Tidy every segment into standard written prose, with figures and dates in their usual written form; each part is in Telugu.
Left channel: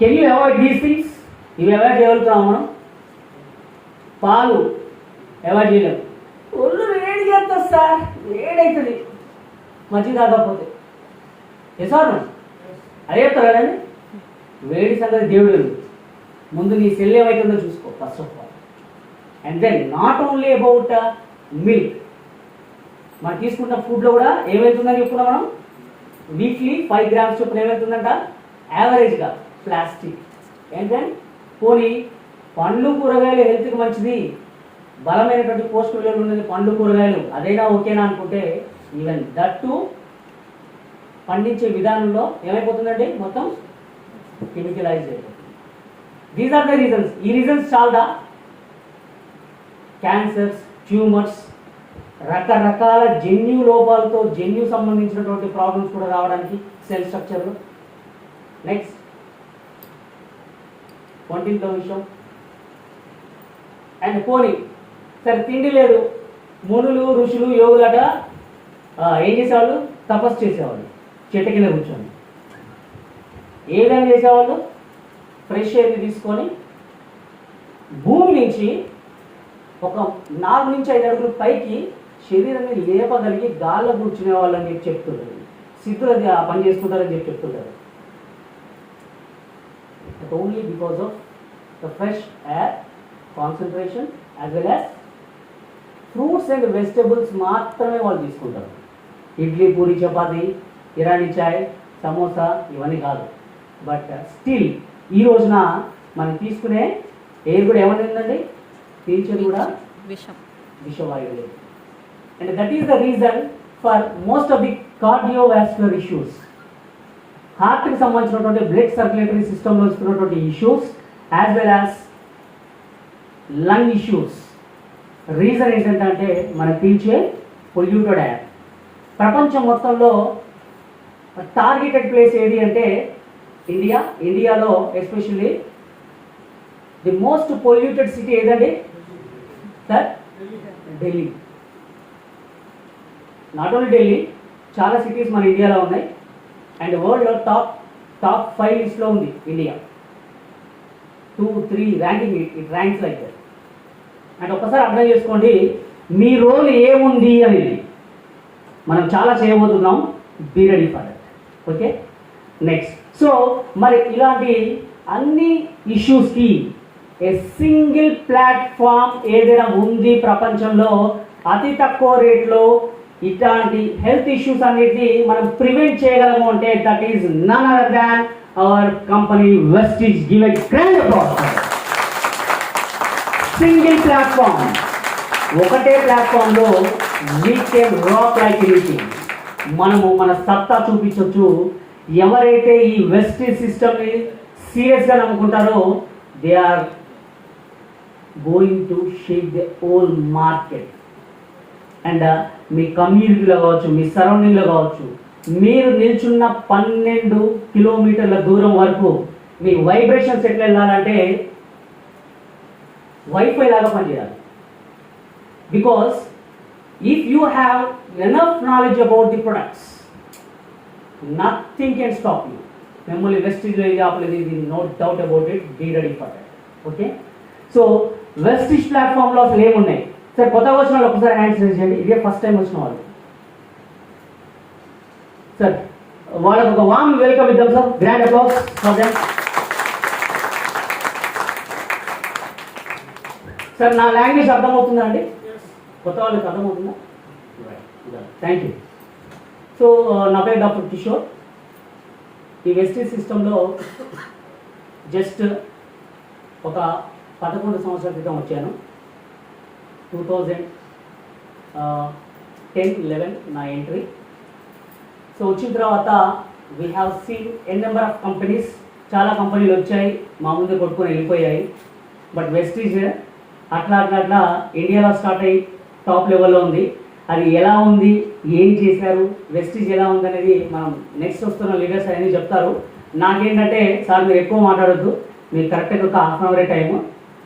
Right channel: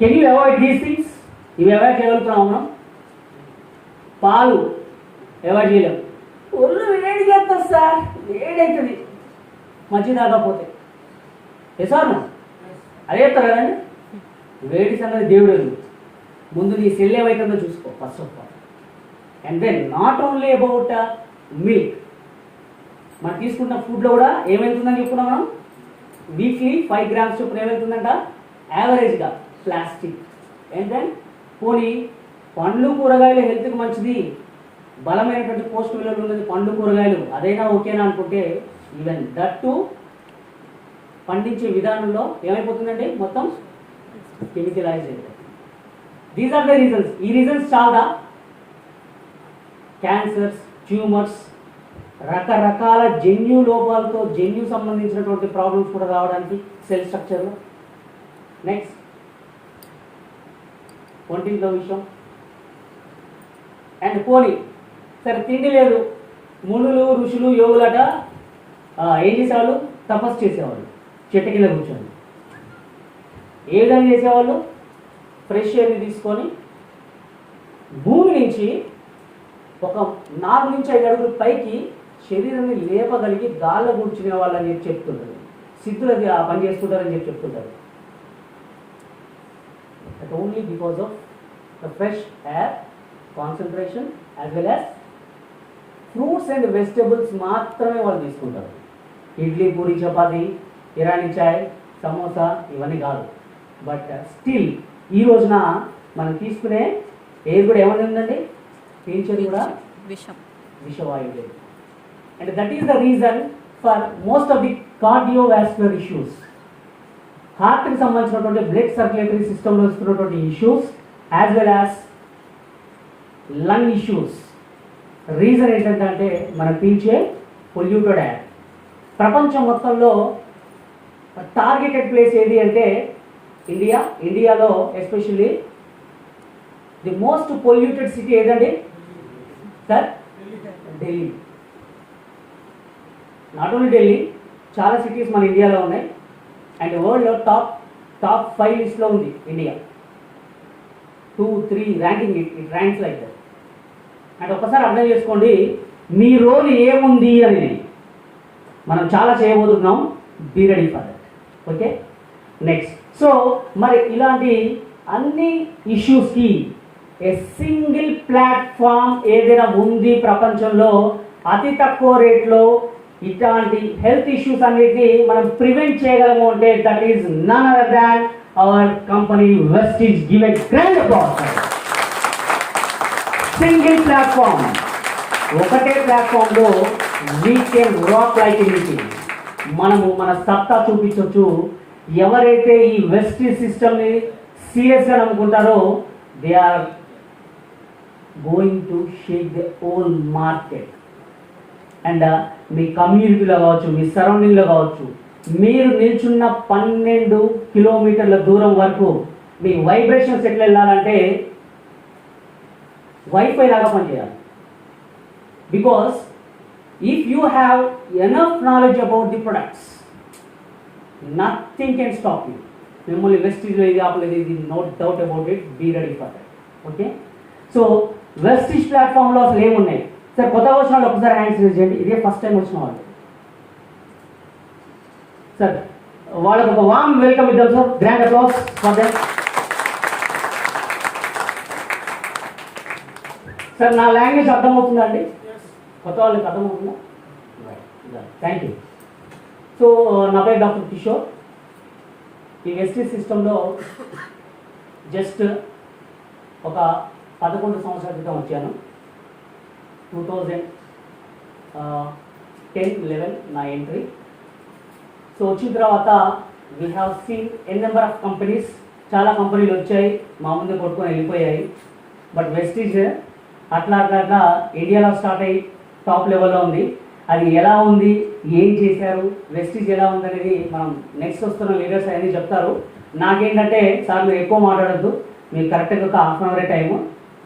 Can you avoid these things? ఇవి అవాయిడ్ చేయగలుగుతున్నాం మనం? పాలు అవాయిడ్ చేయలేము. ఒళ్ళు వేడి చేస్తుంది సార్, వేడవుతుంది మజ్జిగ తాగకపోతే. ఎసార్ అదే చెప్తారు కదండి. వేడి సంగతి దేవుడు ముందు నీ సెల్ ఏమైతుందో చూసుకో first of all. And then not only about milk, మనం తీసుకున్న ఫుడ్లో కూడా ఏమవుతుందని చెప్పుకున్నాం మనం. వీక్లీ 5 grams చొప్పున ఏమవుతుందంట యావరేజ్గా ప్లాస్టిక్. అండ్ దెన్ పోనీ పండ్లు కూరగాయలు హెల్త్కి మంచిది, బలమైనటువంటి పోస్ట్ విలువలు ఉన్నది పండ్లు కూరగాయలు, అదైనా ఓకేనా అనుకుంటే ఈవెన్ దట్ టు పండించే విధానంలో ఏమైపోతుందండి మొత్తం కెమికలైజ్ అయిపోతుంది. These are the reasons. ఈ రీజన్స్ చాలా క్యాన్సర్స్, ట్యూమర్స్, రకరకాల జన్యు లోపాలతో జన్యు సంబంధించినటువంటి ప్రాబ్లమ్స్ కూడా రావడానికి సెల్ స్ట్రక్చర్లో. నెక్స్ట్ వంటింట్లో విషయం. అండ్ పోనీ సరే తిండి లేదు, మునులు ఋషులు యోగులట ఏం చేసేవాళ్ళు? తపస్సు చేసేవాళ్ళు చెట్టు కింద కూర్చొని. ఏ విధంగా చేసేవాళ్ళు? ఫ్రెష్ ఎయిర్ తీసుకొని భూమి నుంచి ఒక 4 నుంచి 5 అడుగులు పైకి శరీరాన్ని లేపగలిగి గాల్లో కూర్చునే వాళ్ళని చెప్పి చెప్తుంటారు. సిద్ధులు అది ఆ పని చేస్తుంటారని చెప్పి చెప్తుంటారు. But only because of the fresh air concentration as well as fruits and vegetables మాత్రమే వాళ్ళు తీసుకుంటారు. ఇడ్లీ, పూరి, చపాతి, ఇరానీ చాయ్, సమోసా ఇవన్నీ కాదు. బట్ స్టిల్ ఈ రోజున మనం తీసుకునే ఎయిర్ కూడా ఏమనిందండి? పీల్చేది కూడా విషవాయువు. And that is the reason for most of the cardiovascular issues, హార్ట్కి సంబంధించినటువంటి బ్లడ్ సర్క్యులేటరీ సిస్టంలో వస్తున్నటువంటి issues as well as lung issues. Reason ఏంటంటే మనం పీల్చే పొల్యూటెడ్ ఎయిర్. ప్రపంచం మొత్తంలో టార్గెటెడ్ ప్లేస్ ఏది అంటే ఇండియా. ఇండియాలో especially the most polluted city ఏదండి sir? Delhi. Not only Delhi, చాలా సిటీస్ మన ఇండియాలో ఉన్నాయి. అండ్ వరల్డ్లో టాప్ 5 లిస్ట్లో ఉంది India. 2, 3 ranking, it ranks like that. And ఒకసారి అర్థం చేసుకోండి మీ రోల్ ఏముంది అని. మనం చాలా చేయబోతున్నాం, be ready for that. Okay, next. So మరి ఇలాంటి అన్ని ఇష్యూస్కి ఏ సింగిల్ ప్లాట్ఫామ్ ఏదైనా ఉంది ప్రపంచంలో అతి తక్కువ రేట్లో ఇట్లాంటి హెల్త్ ఇష్యూస్ అన్నిటిని మనం ప్రివెంట్ చేయగలము అంటే that is none other than our company Vestige. Give a grand applause. Single platform, ఒకటే ప్లాట్ఫామ్లో we can rock like anything. మనము మన సత్తా చూపించవచ్చు. ఎవరైతే ఈ వెస్టీజ్ సిస్టమ్ని సీరియస్గా నమ్ముకుంటారో they are going to shake the whole market. And మీ కమ్యూనిటీలో కావచ్చు, మీ సరౌండింగ్లో కావచ్చు, మీరు నిల్చున్న 12 కిలోమీటర్ల దూరం వరకు మీకు వైబ్రేషన్స్ ఎట్లా వెళ్ళాలంటే వైఫై లాగా పనిచేయాలి. Because if you have enough knowledge about the products, nothing can stop you. మిమ్మల్ని వెస్టీజ్లో ఇది ఆపలేదు, ఇది no doubt about it. Be ready for that. Okay, so Vestige ప్లాట్ఫామ్లో అసలు ఏమున్నాయి సార్? కొత్తగా వచ్చిన వాళ్ళు ఒకసారి హ్యాండ్స్ రేజ్ చేయండి. ఇదే ఫస్ట్ టైం వచ్చిన వాళ్ళు సార్. వాళ్ళకి ఒక వామ్ వెల్కమ్ ఇద్దాం sir. Grand applause for them. Sir నా లాంగ్వేజ్ అర్థమవుతుందా అండి? కొత్త వాళ్ళకి అర్థమవుతుందా? Thank you. సో నా పేరు డాక్టర్ కిషోర్. ఈ వెస్టీజ్ సిస్టంలో జస్ట్ ఒక 11 సంవత్సరాల క్రితం వచ్చాను. 2010-11 నా ఎంట్రీ. సో వచ్చిన తర్వాత we have seen n number of companies. చాలా కంపెనీలు వచ్చాయి, మా ముందు కొట్టుకొని వెళ్ళిపోయాయి. బట్ వెస్టీజ్ అట్లా ఇండియాలో స్టార్ట్ అయ్యి టాప్ లెవెల్లో ఉంది. అది ఎలా ఉంది, ఏం చేశారు, వెస్టీజ్ ఎలా ఉంది అనేది మనం నెక్స్ట్ వస్తున్న లీడర్స్ అనేది చెప్తారు. నాకేంటంటే సార్ మీరు ఎక్కువ మాట్లాడద్దు, మీరు కరెక్ట్గా ఒక హాఫ్ అన్ అవరే టైము.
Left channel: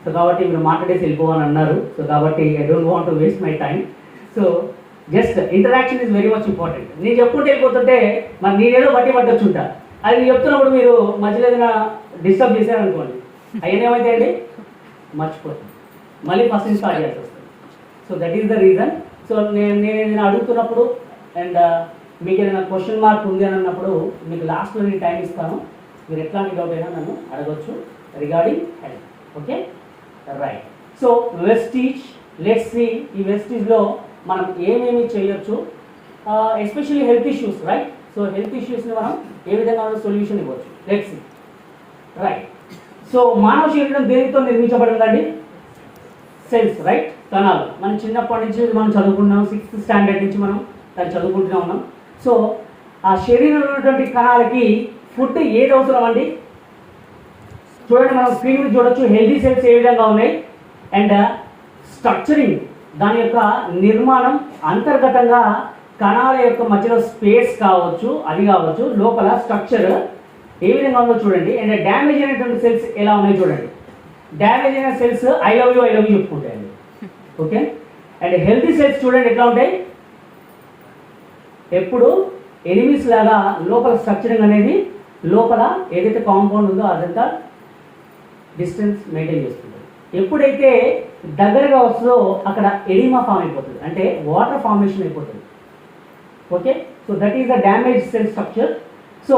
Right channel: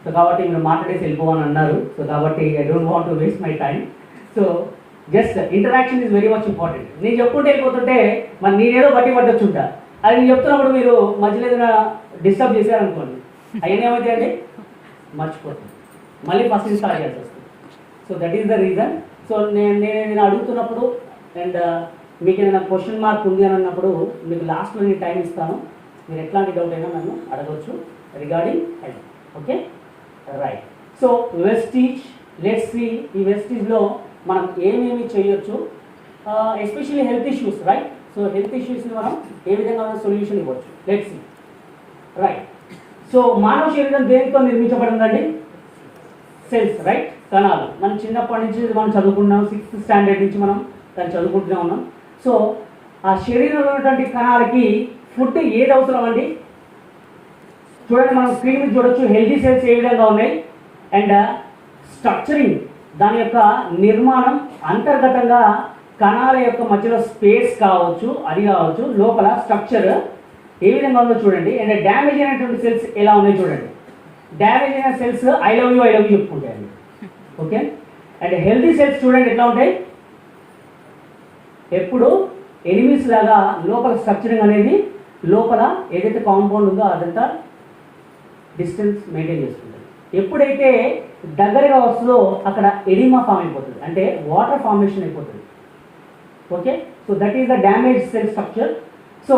సో కాబట్టి మీరు మాట్లాడేసి వెళ్ళిపోవాలని అన్నారు. సో కాబట్టి I don't want to waste my time. So just interaction is very much important. నేను చెప్పుకుంటే వెళ్ళిపోతుంటే మరి నేనేదో బట్టి పట్టొచ్చుంటా. అది చెప్తున్నప్పుడు మీరు మధ్యలో ఏదైనా డిస్టర్బ్ చేశారనుకోండి, అయినా ఏమైతాయండి, మర్చిపోతుంది, మళ్ళీ ఫస్ట్ నుంచి స్టార్ట్ చేయాల్సి వస్తుంది. So that is the reason. So నేను ఏదైనా అడుగుతున్నప్పుడు అండ్ మీకు ఏదైనా క్వశ్చన్ మార్క్ ఉంది అని అన్నప్పుడు మీకు లాస్ట్లో నేను టైం ఇస్తాను, మీరు ఎట్లాంటి డౌట్ అయినా నన్ను అడగవచ్చు regarding health. Okay, right. So Vestige, let's see ఈ వెస్టీజ్లో మనం ఏమేమి చేయొచ్చు, especially health issues, right. So health ఇష్యూస్ని మనం ఏ విధంగా సొల్యూషన్ ఇవ్వచ్చు, లెట్స్ సీ, రైట్. సో మానవ శరీరం దేనితో నిర్మించబడిందండి? సెల్స్, రైట్, కణాలు. మనం చిన్నప్పటి నుంచి మనం చదువుకుంటున్నాం, 6th స్టాండర్డ్ నుంచి మనం దాన్ని చదువుకుంటూనే ఉన్నాం. సో ఆ శరీరంలో ఉన్నటువంటి కణాలకి ఫుడ్ ఏది అవసరం అండి? చూడండి, మనం స్క్రీన్ మీద చూడొచ్చు హెల్తీ సెల్స్ ఏ విధంగా ఉన్నాయి అండ్ స్ట్రక్చరింగ్, దాని యొక్క నిర్మాణం అంతర్గతంగా కణాల యొక్క మధ్యలో స్పేస్ కావచ్చు, అది కావచ్చు, లోపల స్ట్రక్చర్ ఏ విధంగా ఉందో చూడండి. అండ్ డ్యామేజ్ అయినటువంటి సెల్స్ ఎలా ఉన్నాయో చూడండి. డ్యామేజ్ అయిన సెల్స్ ఐ లవ్ యూ చెప్పుకుంటాయండి. ఓకే, అండ్ హెల్తీ సెల్స్ చూడండి ఎట్లా ఉంటాయి, ఎప్పుడు ఎనిమీస్ లాగా లోపల స్ట్రక్చరింగ్ అనేది, లోపల ఏదైతే కాంపౌండ్ ఉందో అదంతా డిస్టెన్స్ మెయింటైన్ చేసుకుంటుంది. ఎప్పుడైతే దగ్గరగా వస్తుందో అక్కడ ఎడిమా ఫామ్ అయిపోతుంది, అంటే వాటర్ ఫార్మేషన్ అయిపోతుంది. Okay, so that is the damage cell structure. So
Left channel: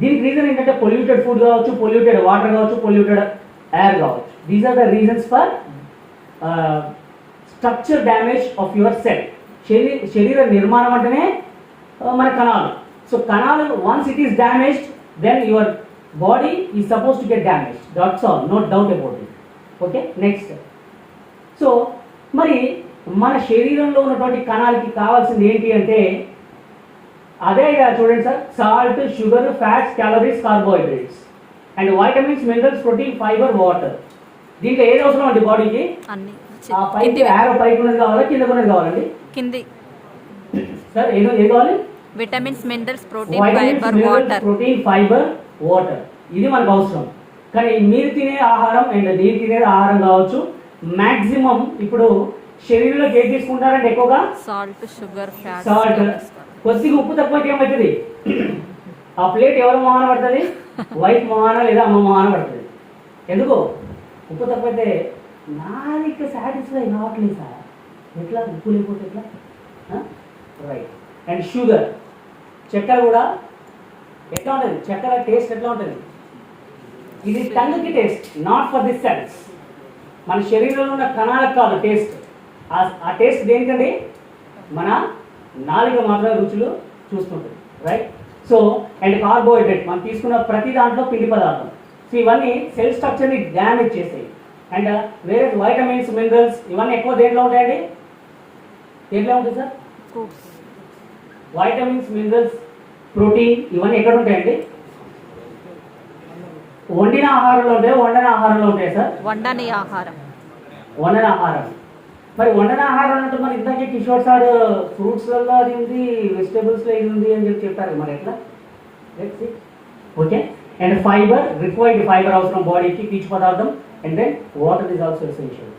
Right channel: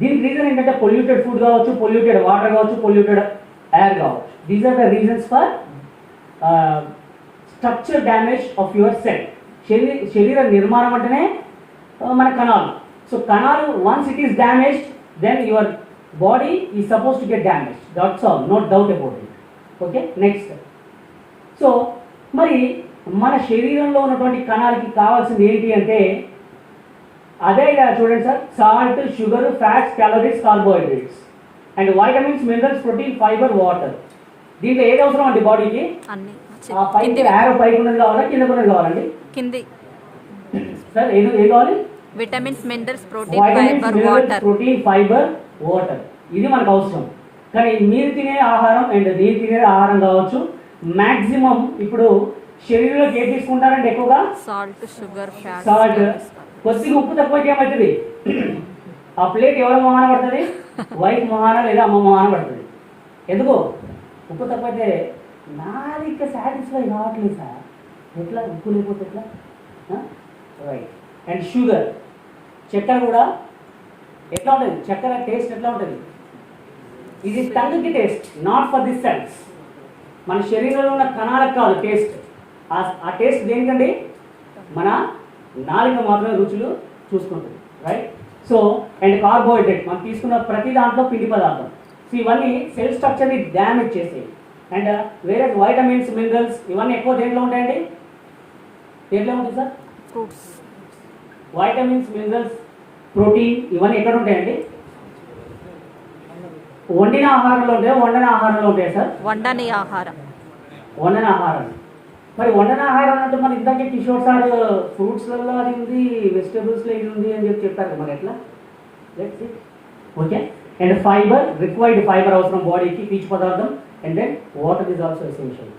దీనికి రీజన్ ఏంటంటే పొల్యూటెడ్ ఫుడ్ కావచ్చు, పొల్యూటెడ్ వాటర్ కావచ్చు, పొల్యూటెడ్ ఎయిర్ కావచ్చు. These are the reasons for structure damage of your cell. శరీర నిర్మాణం అంటేనే మన కణాలు. సో కణాలు once it is damaged then your body is suppose to get damaged, that's all, no doubt about it. Okay, next. So మరి మన శరీరంలో ఉన్నటువంటి కణాలకి కావాల్సింది ఏంటి అంటే అదే కదా, చూడండి sir, salt, sugar, fats, calories, carbohydrates and vitamins, minerals, protein, fibre, water. దీంట్లో ఏది అవసరం అండి బాడీకి? పైకి ఉన్నది కావాలా, కింద ఉన్నది కావాలండి? కింది సార్ ఏది కావాలి? Vitamins, minerals, protein, fibre, water. Protein, fibre, water, ఇది మనకు అవసరం. కానీ మీరు తినే ఆహారం అండ్ నేను తినే ఆహారం కావచ్చు, మాక్సిమం ఇప్పుడు శరీరంలోకి ఏం తీసుకుంటారంటే ఎక్కువగా సాల్ట్, షుగర్, ఫ్యాట్. సాల్ట్, కొద్దిగా ఉప్పు తక్కువైతే ఏమవుతుంది, ఆ ప్లేట్ ఎవరు మొహాన పడుతుంది? వైఫ్ మొహాన లేదా అమ్మ మొహాన పడుతుంది. ఎందుకు? ఉప్పు తక్కువైతే నాది ఇంకా సాటిస్ఫై కావట్లేదు సార్, ఎట్లా ఉప్పు లేకపోతే ఎట్లా, రైట్. అండ్ షుగర్, చక్కెర కూడా ఎట్లా ఉంటుంది, చక్కెర టేస్ట్ ఎట్లా ఉంటుంది? ఇది టంగ్కి taste, not for the cells. మన శరీరంలో ఉన్న కణాలకు కావాలి టేస్ట్. ఆ టేస్ట్ దేనికండి? మన నాలుగు మాత్రమే రుచులు చూసుకుంటుంది, రైట్. సో అండ్ కార్బోహైడ్రేట్, మనం తీసుకున్న ప్రతి దాంట్లో పిండి పదార్థం. సో ఇవన్నీ సెల్ స్ట్రక్చర్ని డ్యామేజ్ చేస్తాయి. అండ్ వేరే వైటమిన్స్, మినరల్స్ ఇవన్నీ ఎక్కువ దేంట్లో ఉంటాయండి? దేంట్లో ఉంటుంది sir? Fruits. Vitamins, minerals, protein ఇవన్నీ ఎక్కడ ఉంటాయండి? వండిన ఆహారంలో ఉంటాయా, వండన ఆహారంలో ఉంటాయా సార్? వండని ఆహారం. వండన ఆహారం. మరి వండన ఆహారం అంటే మన ఇందాకే కిషోర్ సార్ ఫ్రూట్స్లలో అది ఉంది, వెజిటబుల్స్లో ఇది ఉంది అని చెప్పారు, మరి ఎట్లా? Okay, and fibre, required fibre అవసరం బాడీకి, పీచు పదార్థం, and then water is also essential.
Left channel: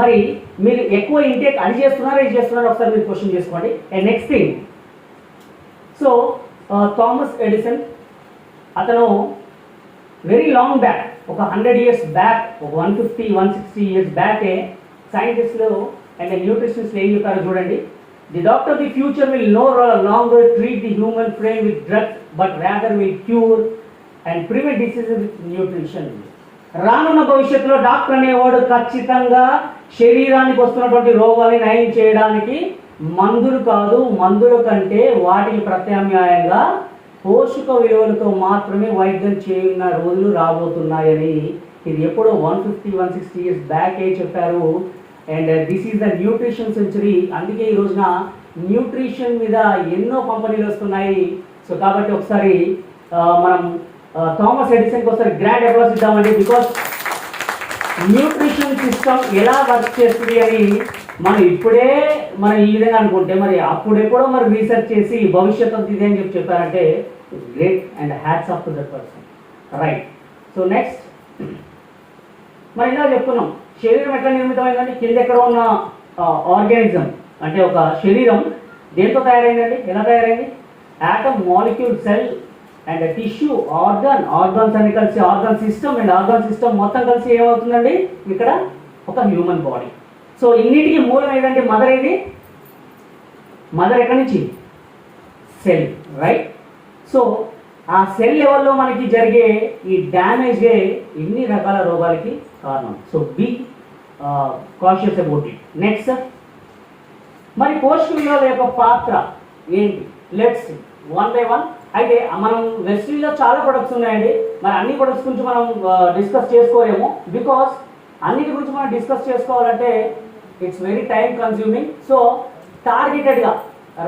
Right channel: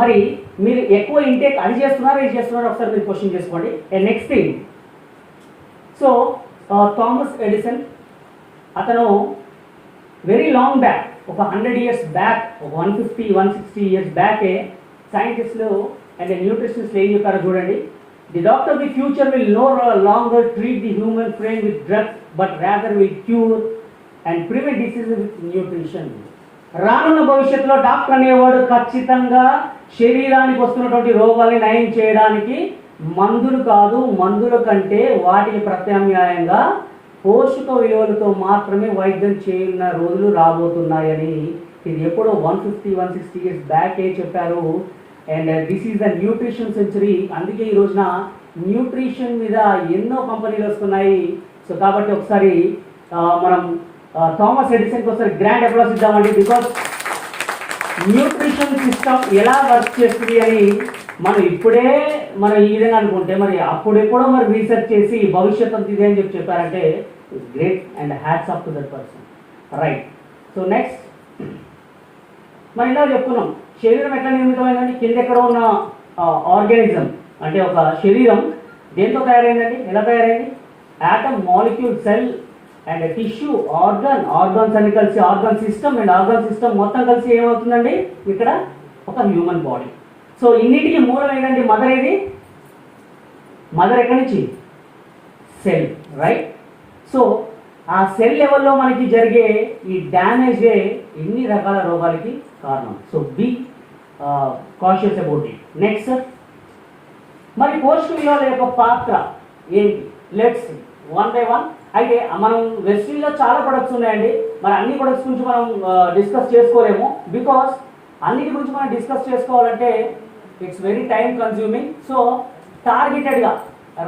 మరి మీరు ఎక్కువ ఇంటేక్ అది చేస్తున్నారా, ఇది చేస్తున్నారా ఒకసారి మీరు క్వశ్చన్ చేసుకోండి. And next thing, so Thomas Edison, అతను వెరీ లాంగ్ బ్యాక్, ఒక 100 years బ్యాక్, ఒక 150-160 years బ్యాకే సైంటిస్టులు అండ్ న్యూట్రిషనిస్టులు ఏం చెప్పారో చూడండి. The doctor of the future will know longer treat the human frame with drugs but rather will cure and prevent disease with nutrition. రానున్న భవిష్యత్తులో డాక్టర్ అనేవాడు ఖచ్చితంగా శరీరానికి వస్తున్నటువంటి రోగాన్ని నయం చేయడానికి మందులు కాదు, మందుల కంటే వాటికి ప్రత్యామ్నాయంగా పోషక విలువలతో మాత్రమే వైద్యం చేయన్న రోజులు రాబోతున్నాయని ఇది ఎప్పుడో 150-160 years బ్యాక్ చెప్పారు. And this is the nutrition century. అందుకే ఈ రోజున న్యూట్రిషన్ మీద ఎన్నో కంపెనీలు వస్తున్నాయి. సో కాబట్టి ఒకసారి మనం థామస్ ఎడిసన్కి ఒకసారి గ్రాండ్ అప్లాస్ ఇద్దామండి. బికాస్ న్యూట్రిషన్ సిస్టమ్ ఎలా వర్క్ చేస్తుంది అని మనం ఇప్పుడే మనం ఈ విధంగా అనుకుంటే మరి అప్పుడెప్పుడో మరి రీసెర్చ్ చేసి భవిష్యత్తు ఇదే అని చెప్పారంటే great and hats off to that person, right. So next మరి ఇలా చెప్పుకున్నాం శరీరం ఎట్లా నిర్మితమైందండి. కింద ఎక్కడ ఉన్న ఆర్గానిజం అంటే ఒక శరీరం దేంతో తయారైందండి, ఎలా తయారైంది? Atom, molecule, cell and tissue organs అని కలిసి ఆర్గాన్ సిస్టమ్ మొత్తం కలిసి ఏమవుతుందండి ఇక్కడ ఒక హ్యూమన్ బాడీ. సో ఇన్నిటికీ మూలం ఏదండి? మదర్. ఏది మదర్? ఎక్కడి నుంచి? Cell, right? సో ఆ సెల్ లెవెల్లో మనకి జరిగే ఈ డ్యామేజే ఇన్ని రకాల రోగాలకి కారణం. So be conscious about it. Next, మరి పోషకాల యొక్క పాత్ర ఏంటి? Let's one by one. అయితే మనం వెస్ట్రీలో చాలా ప్రొడక్ట్స్ ఉన్నాయండి. మరి అన్ని ప్రొడక్ట్స్ గురించి మనం డిస్కస్ చేసుకోలేము. బికాస్ అన్నిటి గురించి మనం డిస్కస్ చేసుకోవాలంటే it's very time consuming. So టార్గెటెడ్గా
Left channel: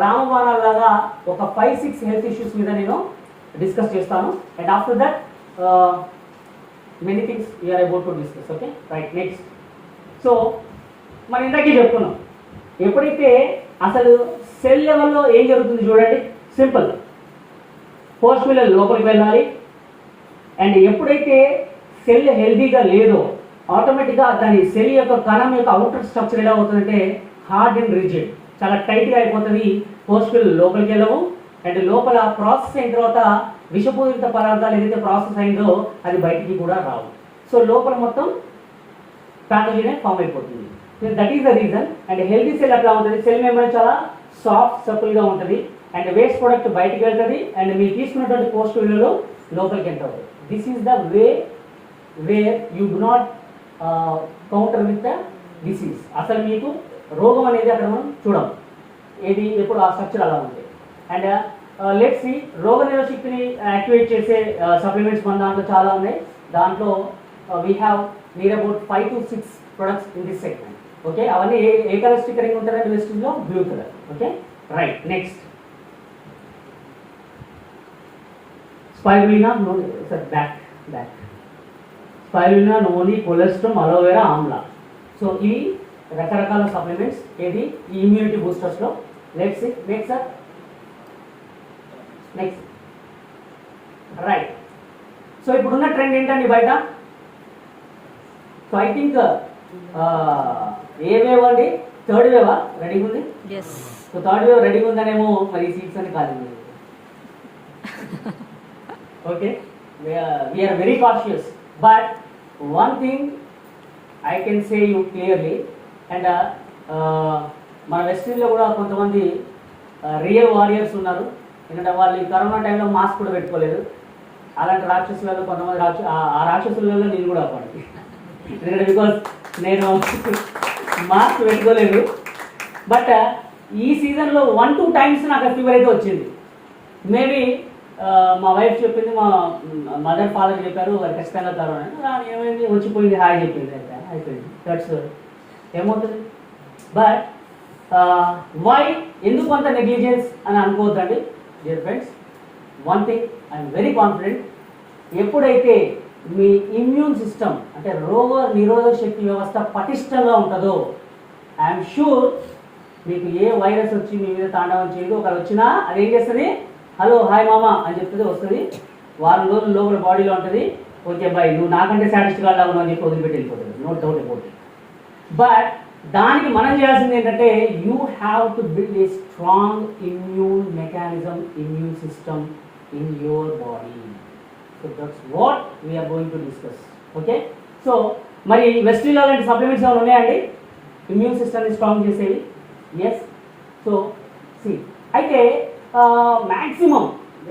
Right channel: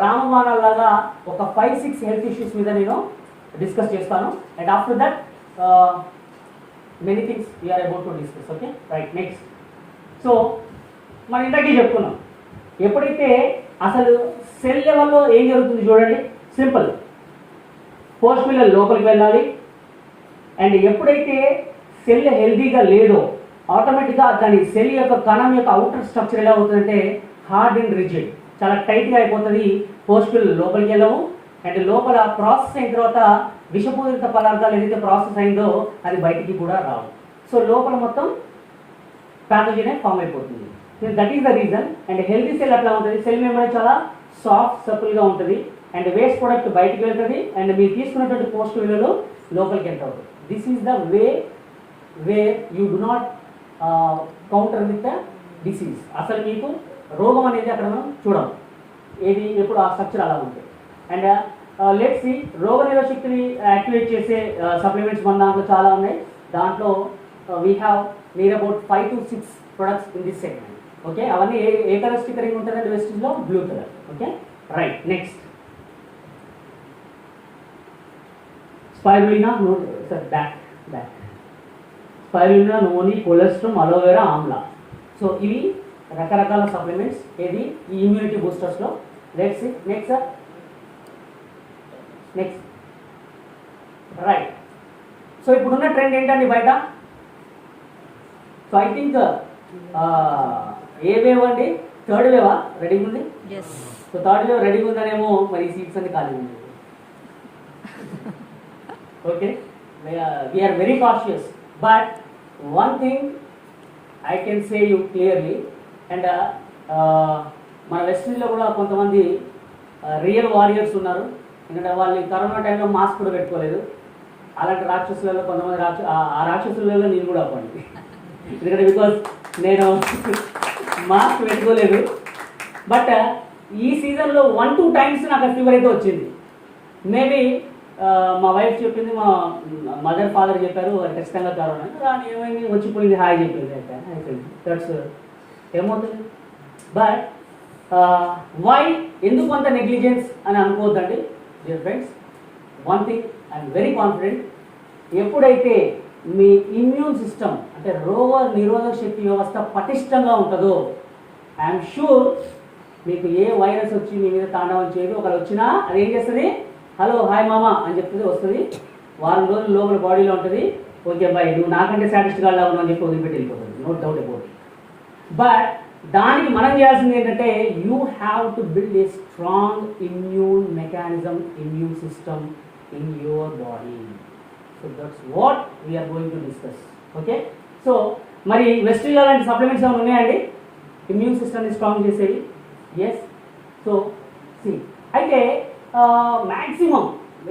రామబాణాలాగా ఒక 5-6 హెల్త్ ఇష్యూస్ మీద నేను డిస్కస్ చేస్తాను. And after that many things we are about to discuss. Okay, right. Next, so మనం ఇందాకే చెప్పుకున్నాం, ఎప్పుడైతే అసలు సెల్ లెవెల్లో ఏం జరుగుతుంది చూడండి. సింపుల్, పోస్ట్ మిల్లర్ లోపలికి వెళ్ళాలి. అండ్ ఎప్పుడైతే సెల్ హెల్దీగా లేదో ఆటోమేటిక్గా దాని సెల్ యొక్క కణం యొక్క అవుటర్ స్ట్రక్చర్ ఎలా అవుతుందంటే హార్డ్ అండ్ రిజిడ్, చాలా టైట్గా అయిపోతుంది. పోస్ట్ మిల్లర్ లోపలికి వెళ్ళవు. అండ్ లోపల ప్రాసెస్ అయిన తర్వాత విషపూరిత పదార్థాలు ఏదైతే ప్రాసెస్ అయిందో అది బయటికి కూడా రావు. సో లోపల మొత్తం ప్యాథోజన్ ఫామ్ అయిపోతుంది. That is the reason. And healthy cell అట్లా ఉంటుంది. సెల్ మెంబ్రేన్ చాలా సాఫ్ట్ సపుల్గా ఉంటుంది. అండ్ వేస్ట్ ప్రొడక్ట్ బయటికి వెళ్తుంది. అండ్ మీరు తీసుకున్నటువంటి పోస్ట్ మిల్లర్లో లోపలికి ఎంటర్ అవుతుంది. This is the way where you do not counter with the disease. అసలు మీకు రోగం అనేది అక్కడ మనం చూడము. ఏది ఎప్పుడు ఆ స్ట్రక్చర్ అలా ఉంటుంది. అండ్ లెట్స్ సి, రోగ నిరోధక శక్తిని యాక్టివేట్ చేసే సప్లిమెంట్స్ మన దాంట్లో చాలా ఉన్నాయి. దాంట్లో we have near about 5 to 6 products in this segment. Okay, అవన్నీ ఏ కలర్ స్టిక్కరింగ్ ఉంటుందంటే వెస్టిజ్లో blue colour. Okay, right. Next, spirulina spirulina, noni, cholesterol, aloe vera, amla. So ఇవి రకరకాల సప్లిమెంట్స్ ఏది ఈ ఇమ్యూనిటీ బూస్టర్స్లో. Next right. సో ఇప్పుడున్న ట్రెండ్ ఏంటండి బయట? సో ఐ థింక్ ఏ వేవ్ అండి? థర్డ్ వేవా రెడీగా ఉంది? సో థర్డ్ వేవ్ రెడీగా ఉందనేమో మరి సీట్స్ అని ఖాళీ ఉంది. Okay, we are very cautious. But one thing I can say you clearly. And మన వెస్టిండీలో కూడా కొంతమంది రియల్ వారియర్స్ ఉన్నారు. ఎందుకంటే వాళ్ళు ఈ కరోనా టైంలో మాస్క్ కూడా పెట్టుకోలేదు. అలాంటి రాక్షసులలో కొంతమంది ఆ రాక్షసులలో నేను కూడా అవ్వండి. ఎందుకంటే బికాస్ నేను మాస్క్ పెట్టుకోలేదు. బట్ ఈ సీజన్లో 1-2 times నాకు ఫీవర్ అయితే వచ్చింది. మేబీ మా వైఫ్ చెప్పింది, మా మదర్ ఫాదర్ చెప్పారు అది ఖచ్చితంగా కరోనా అంటే ఏమైంది, వచ్చిపోయింది, హాయ్ చెప్పింది, అయిపోయింది. దట్స్ ఏమవుతుంది. బట్ వై, ఎందుకు అంత నెగ్లిజెన్స్ అని అనుకోవద్దండి dear friends. One thing I'm very confident, ఎప్పుడైతే మీ ఇమ్యూన్ సిస్టమ్ అంటే రోగ నిరోధక శక్తి వ్యవస్థ పటిష్టంగా ఉంటుందో ఐఎమ్ షూర్ మీకు ఏ వైరస్ వచ్చి మీ మీద తాండవం చేయదు. ఒకరు వచ్చినా అది ఏం చేస్తుంది, హలో హాయ్ మామా అని చెప్తుంది, వస్తుంది. వారం రోజులు లోపల బాడీలో ఉంటుంది. ఓకే బాయ్, నువ్వు నాకంటే సాటిస్ఫైగా ఉన్నావు అని చెప్పి వదిలిపెట్టి వెళ్ళిపోతుంది. No doubt about it. But దానికి మనం చేయాల్సింది ఏంటంటే you have to build a strong immune mechanism, immune system in your body. So that's what we are going to discuss. Okay, so మరి వెస్ట్రీలో లాంటి సప్లిమెంట్స్ ఏమైనా ఉన్నాయండి ఇమ్యూన్ సిస్టమ్ని స్ట్రాంగ్ చేసేవి? ఎస్. సో సి, అయితే మ్యాక్సిమం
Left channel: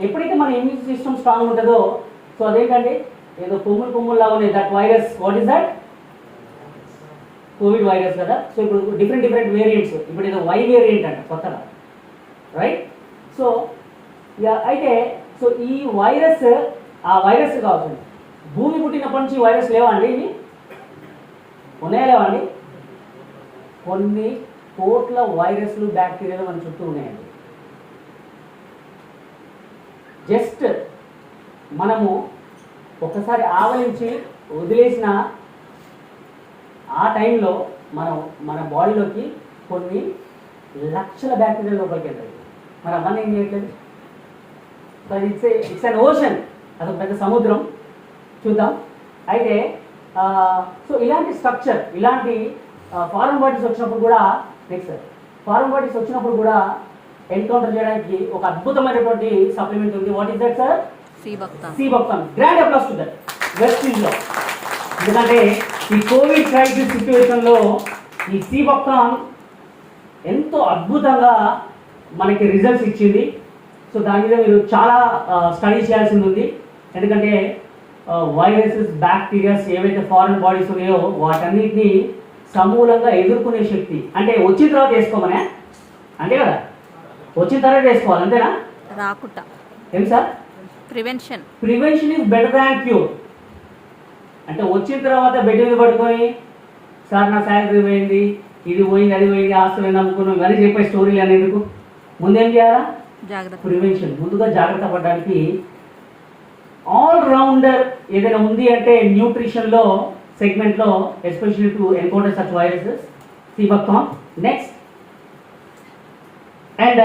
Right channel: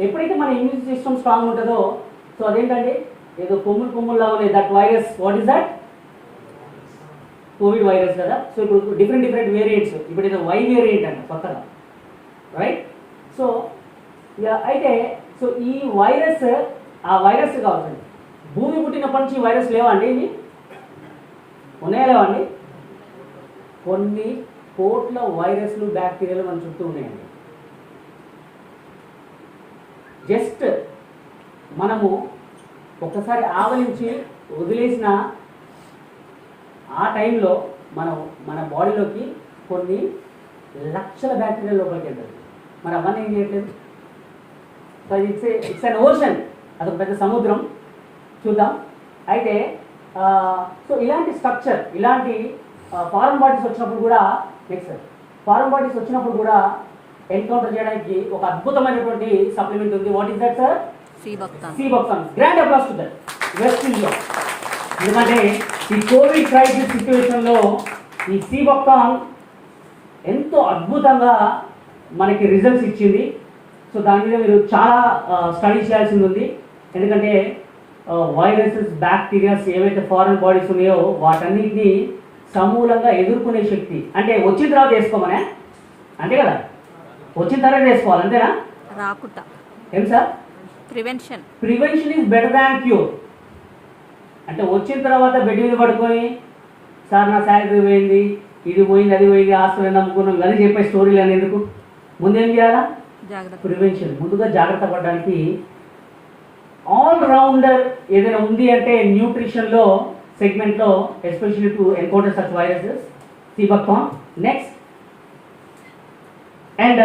ఎప్పుడైతే మన ఇమ్యూన్ సిస్టమ్ స్ట్రాంగ్ ఉంటుందో, సో అదేంటంటే ఏదో కొమ్ముల్లాగా ఉన్నాయి. That virus, what is that? Covid virus కదా. సో ఇప్పుడు డిఫరెంట్ వేరియంట్స్, ఇప్పుడు ఏదో వై వేరియంట్ అంట కొత్తగా, రైట్? సో అయితే సో ఈ వైరస్, ఆ వైరస్ కావాల్సింది భూమి పుట్టినప్పటి నుంచి వైరస్ లేవా అండి? ఇవి ఉన్నాయా లేవా అండి? కొన్ని కోట్ల వైరస్లు బ్యాక్టీరియాలు మన చుట్టూ ఉన్నాయండి. జస్ట్ మనము ఒకసారి ఆవలించి వదిలేసిన ఆ టైంలో మన బాడీలోకి కొన్ని లక్షల బ్యాక్టీరియా లోపలికి వెళ్తాయి. మరి అవన్నీ ఏం చేయట్లేదు. సో ఇట్స్ అన్ ఓషన్, అదొక పెద్ద సముద్రం. చూద్దాం. అయితే సో ఇలాంటి స్ట్రక్చర్, ఇలాంటి ఫారెన్ బాడీస్ వచ్చినప్పుడు కూడా, నెక్స్ట్ ఫారెన్ బాడీస్ వచ్చినప్పుడు కూడా ఎన్కౌంటర్ చేయడానికి ఒక అద్భుతమైనటువంటి సప్లిమెంట్ ఉంది. What is that sir? Sea buckthorn. Sea buckthorn. Grand applause to that. West India. ఎందుకంటే ఈ కోవిడ్ క్రైసిస్ సిచ్యువేషన్లో ఈ సి భక్తాన్ ఎంతో అద్భుతంగా మనకి రిజల్ట్స్ ఇచ్చింది. సో దాని మీద మీరు చాలా స్టడీ చేయాల్సింది ఉంది. ఎందుకంటే వైరసెస్, బ్యాక్టీరియాస్ ఏవైతే ఫారెన్ బాడీస్ ఉన్నాయో వాటన్నిటిని సమూలంగా ఎదుర్కొనే శక్తి. అంటే వచ్చిన తర్వాత వేసుకోమనే, అంతే కదా, వచ్చిన తర్వాత వేసుకోవాలి, అంతేనా? రాకుట. ఏం sir? Prevention. Prevention is better than cure. అంటే వచ్చిన తర్వాత బెడ్ మీద పడుకొని సార్ నా శాలరీ పోయింది, ఇది పోయింది, అది పోయింది, ఆస్తులు ఏంది అనుకున్నాం, ఇవన్నీ చెప్పే స్టోరీలు అనేందుకు ముందు ఏం చేయాలా? జాగ్రత్త. ప్రివెన్షన్. ముందుగా జాగ్రత్త పడడానికి ఆల్ రౌండర్ ఏదైనా ఉంది అంటే న్యూట్రిషన్లో సెగ్మెంట్లో, especially to encounter such viruses, sea buckthorn. Next and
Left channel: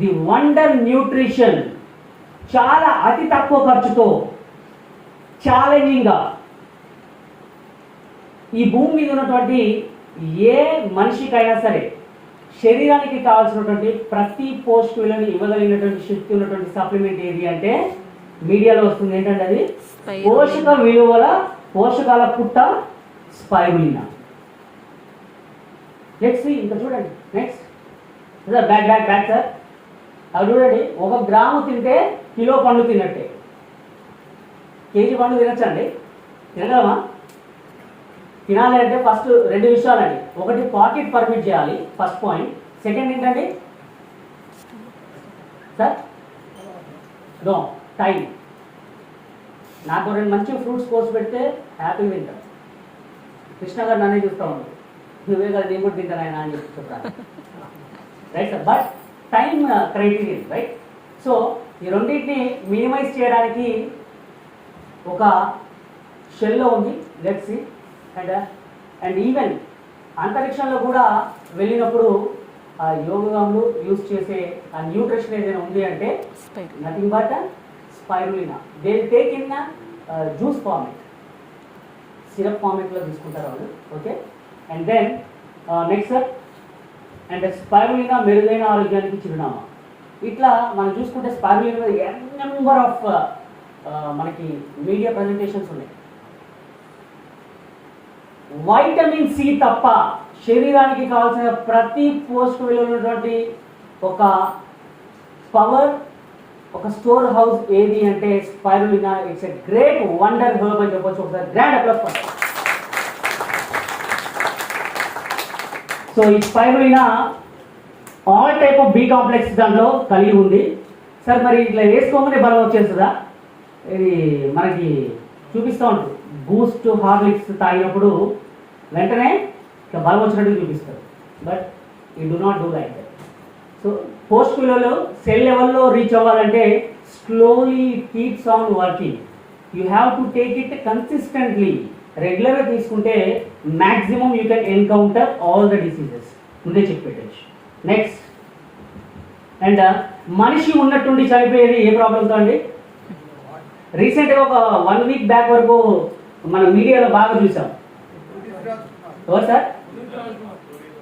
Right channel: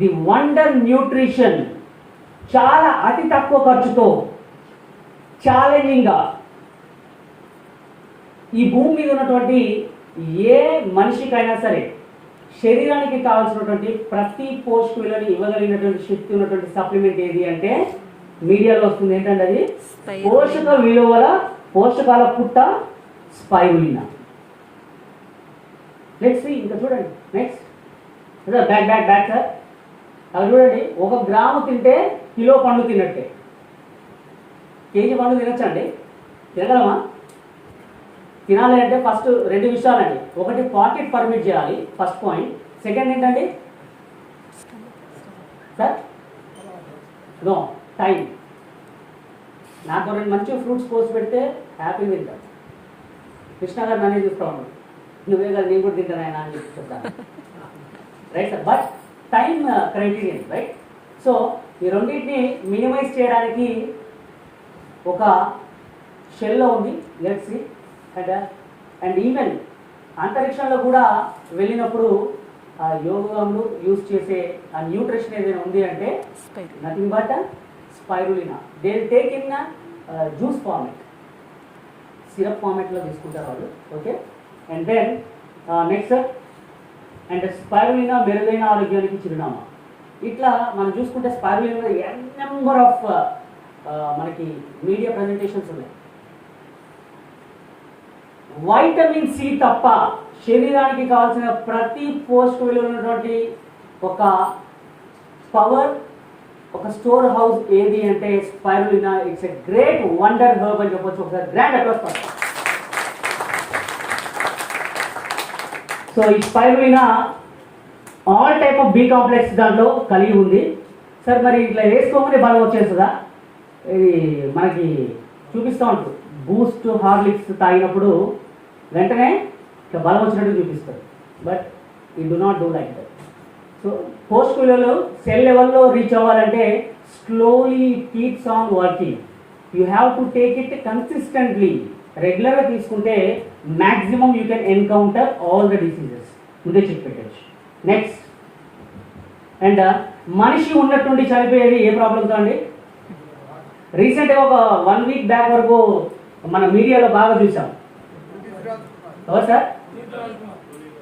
the wonder nutrition, చాలా అతి తక్కువ ఖర్చుతో ఛాలెంజింగ్గా ఈ భూమి మీద ఉన్నటువంటి ఏ మనిషికైనా సరే శరీరానికి కావాల్సినటువంటి ప్రతి పోషక విలువని ఇవ్వగలిగినటువంటి శక్తి ఉన్నటువంటి సప్లిమెంట్ ఏది అంటే మీడియాలో వస్తుంది. ఏంటంటే అది పోషక విలువల పోషకాల పుట్ట స్పైరులినా. నెక్స్ట్ ఇంకా చూడండి. Next back sir. అవి చూడండి, 1 గ్రాము తింటే కిలో పండు తిన్నట్టే. కేజీ పండు తినచ్చండి? తినగలమా? తినాలి అంటే ఫస్ట్ 2 విషయాలండి. ఒకటి, పాకెట్ పర్మిట్ చేయాలి, ఫస్ట్ పాయింట్. సెకండ్ ఏంటండి సార్? No time. నాకు 2 మంచి ఫ్రూట్స్ కోసి పెడితే హ్యాపీ తింటాం. కృష్ణ గారు నన్నే చూస్తూ ఉన్నాడు, నువ్వే కదా నేను కూడా తింటాను ఆయన అని చెప్తాను. Right sir? But time criterion, right? So ఈ రెండింటిని మినిమైజ్ చేయడానికి ఒక షెల్లో ఉంది, లెట్స్ సీ. అండ్ ఈవెన్ అంతరిక్షంలో కూడా వెళ్ళినప్పుడు ఆ యోగాలు యూజ్ చేసే ఆ న్యూట్రిషన్ ఏదైనా ఉంది అంటే nothing but spirulina. They will take in juice format, syrup ఫార్మేట్లో తీసుకుంటారు వాళ్ళు. Okay. And then next and spirulina మెరుగైన ఆరోగ్యానికి చిరునామా. ఇట్లా మనం చూసుకుంటే స్పైరులినా నెంబర్ ఆఫ్ మనకి మీడియా ప్రజెంటేషన్స్ ఉన్నాయి. వైటమిన్ సి తప్ప శరీరానికి కావాల్సిన ప్రతి పోషక విలువ ఉన్నటువంటి ఒక పవర్, ఒక స్టోర్ హౌస్ ఏది అంటే spirulina. It's a great wonder herb అని చెప్పొచ్చు. ఒకసారి గ్రాండ్ అప్లాస్. సో ఈ spirulina all type of B complex దాంట్లో కలిగి ఉంది. సార్ మరి ఇట్లా వేసుకోమని బలం వచ్చేస్తుందా? ఇది మనకి చూపిస్తూ ఉంటుంది. బూస్ట్, హార్లిక్స్ తాగినప్పుడు వెంటనే ఇట్లా బలం వచ్చినట్టు చూపిస్తారు. But you do not do like that. So post విలువలు సెల్ లెవెల్లో రీచ్ అవ్వాలంటే slowly keeps on working. You have to take it consistently. రెగ్యులర్గా తీసుకుంటే maximum you can encounter all the diseases. ముందే చెప్పి పెట్టచ్చు. నెక్స్ట్ అండ్ మనిషి ఉన్నట్టుండి చనిపోయేది ఏ ప్రాబ్లంతో అండి? రీసెంట్గా ఒక 1 వీక్ బ్యాక్ వరకు మన మీడియాలో బాగా చూసాం. ఎవరు సార్?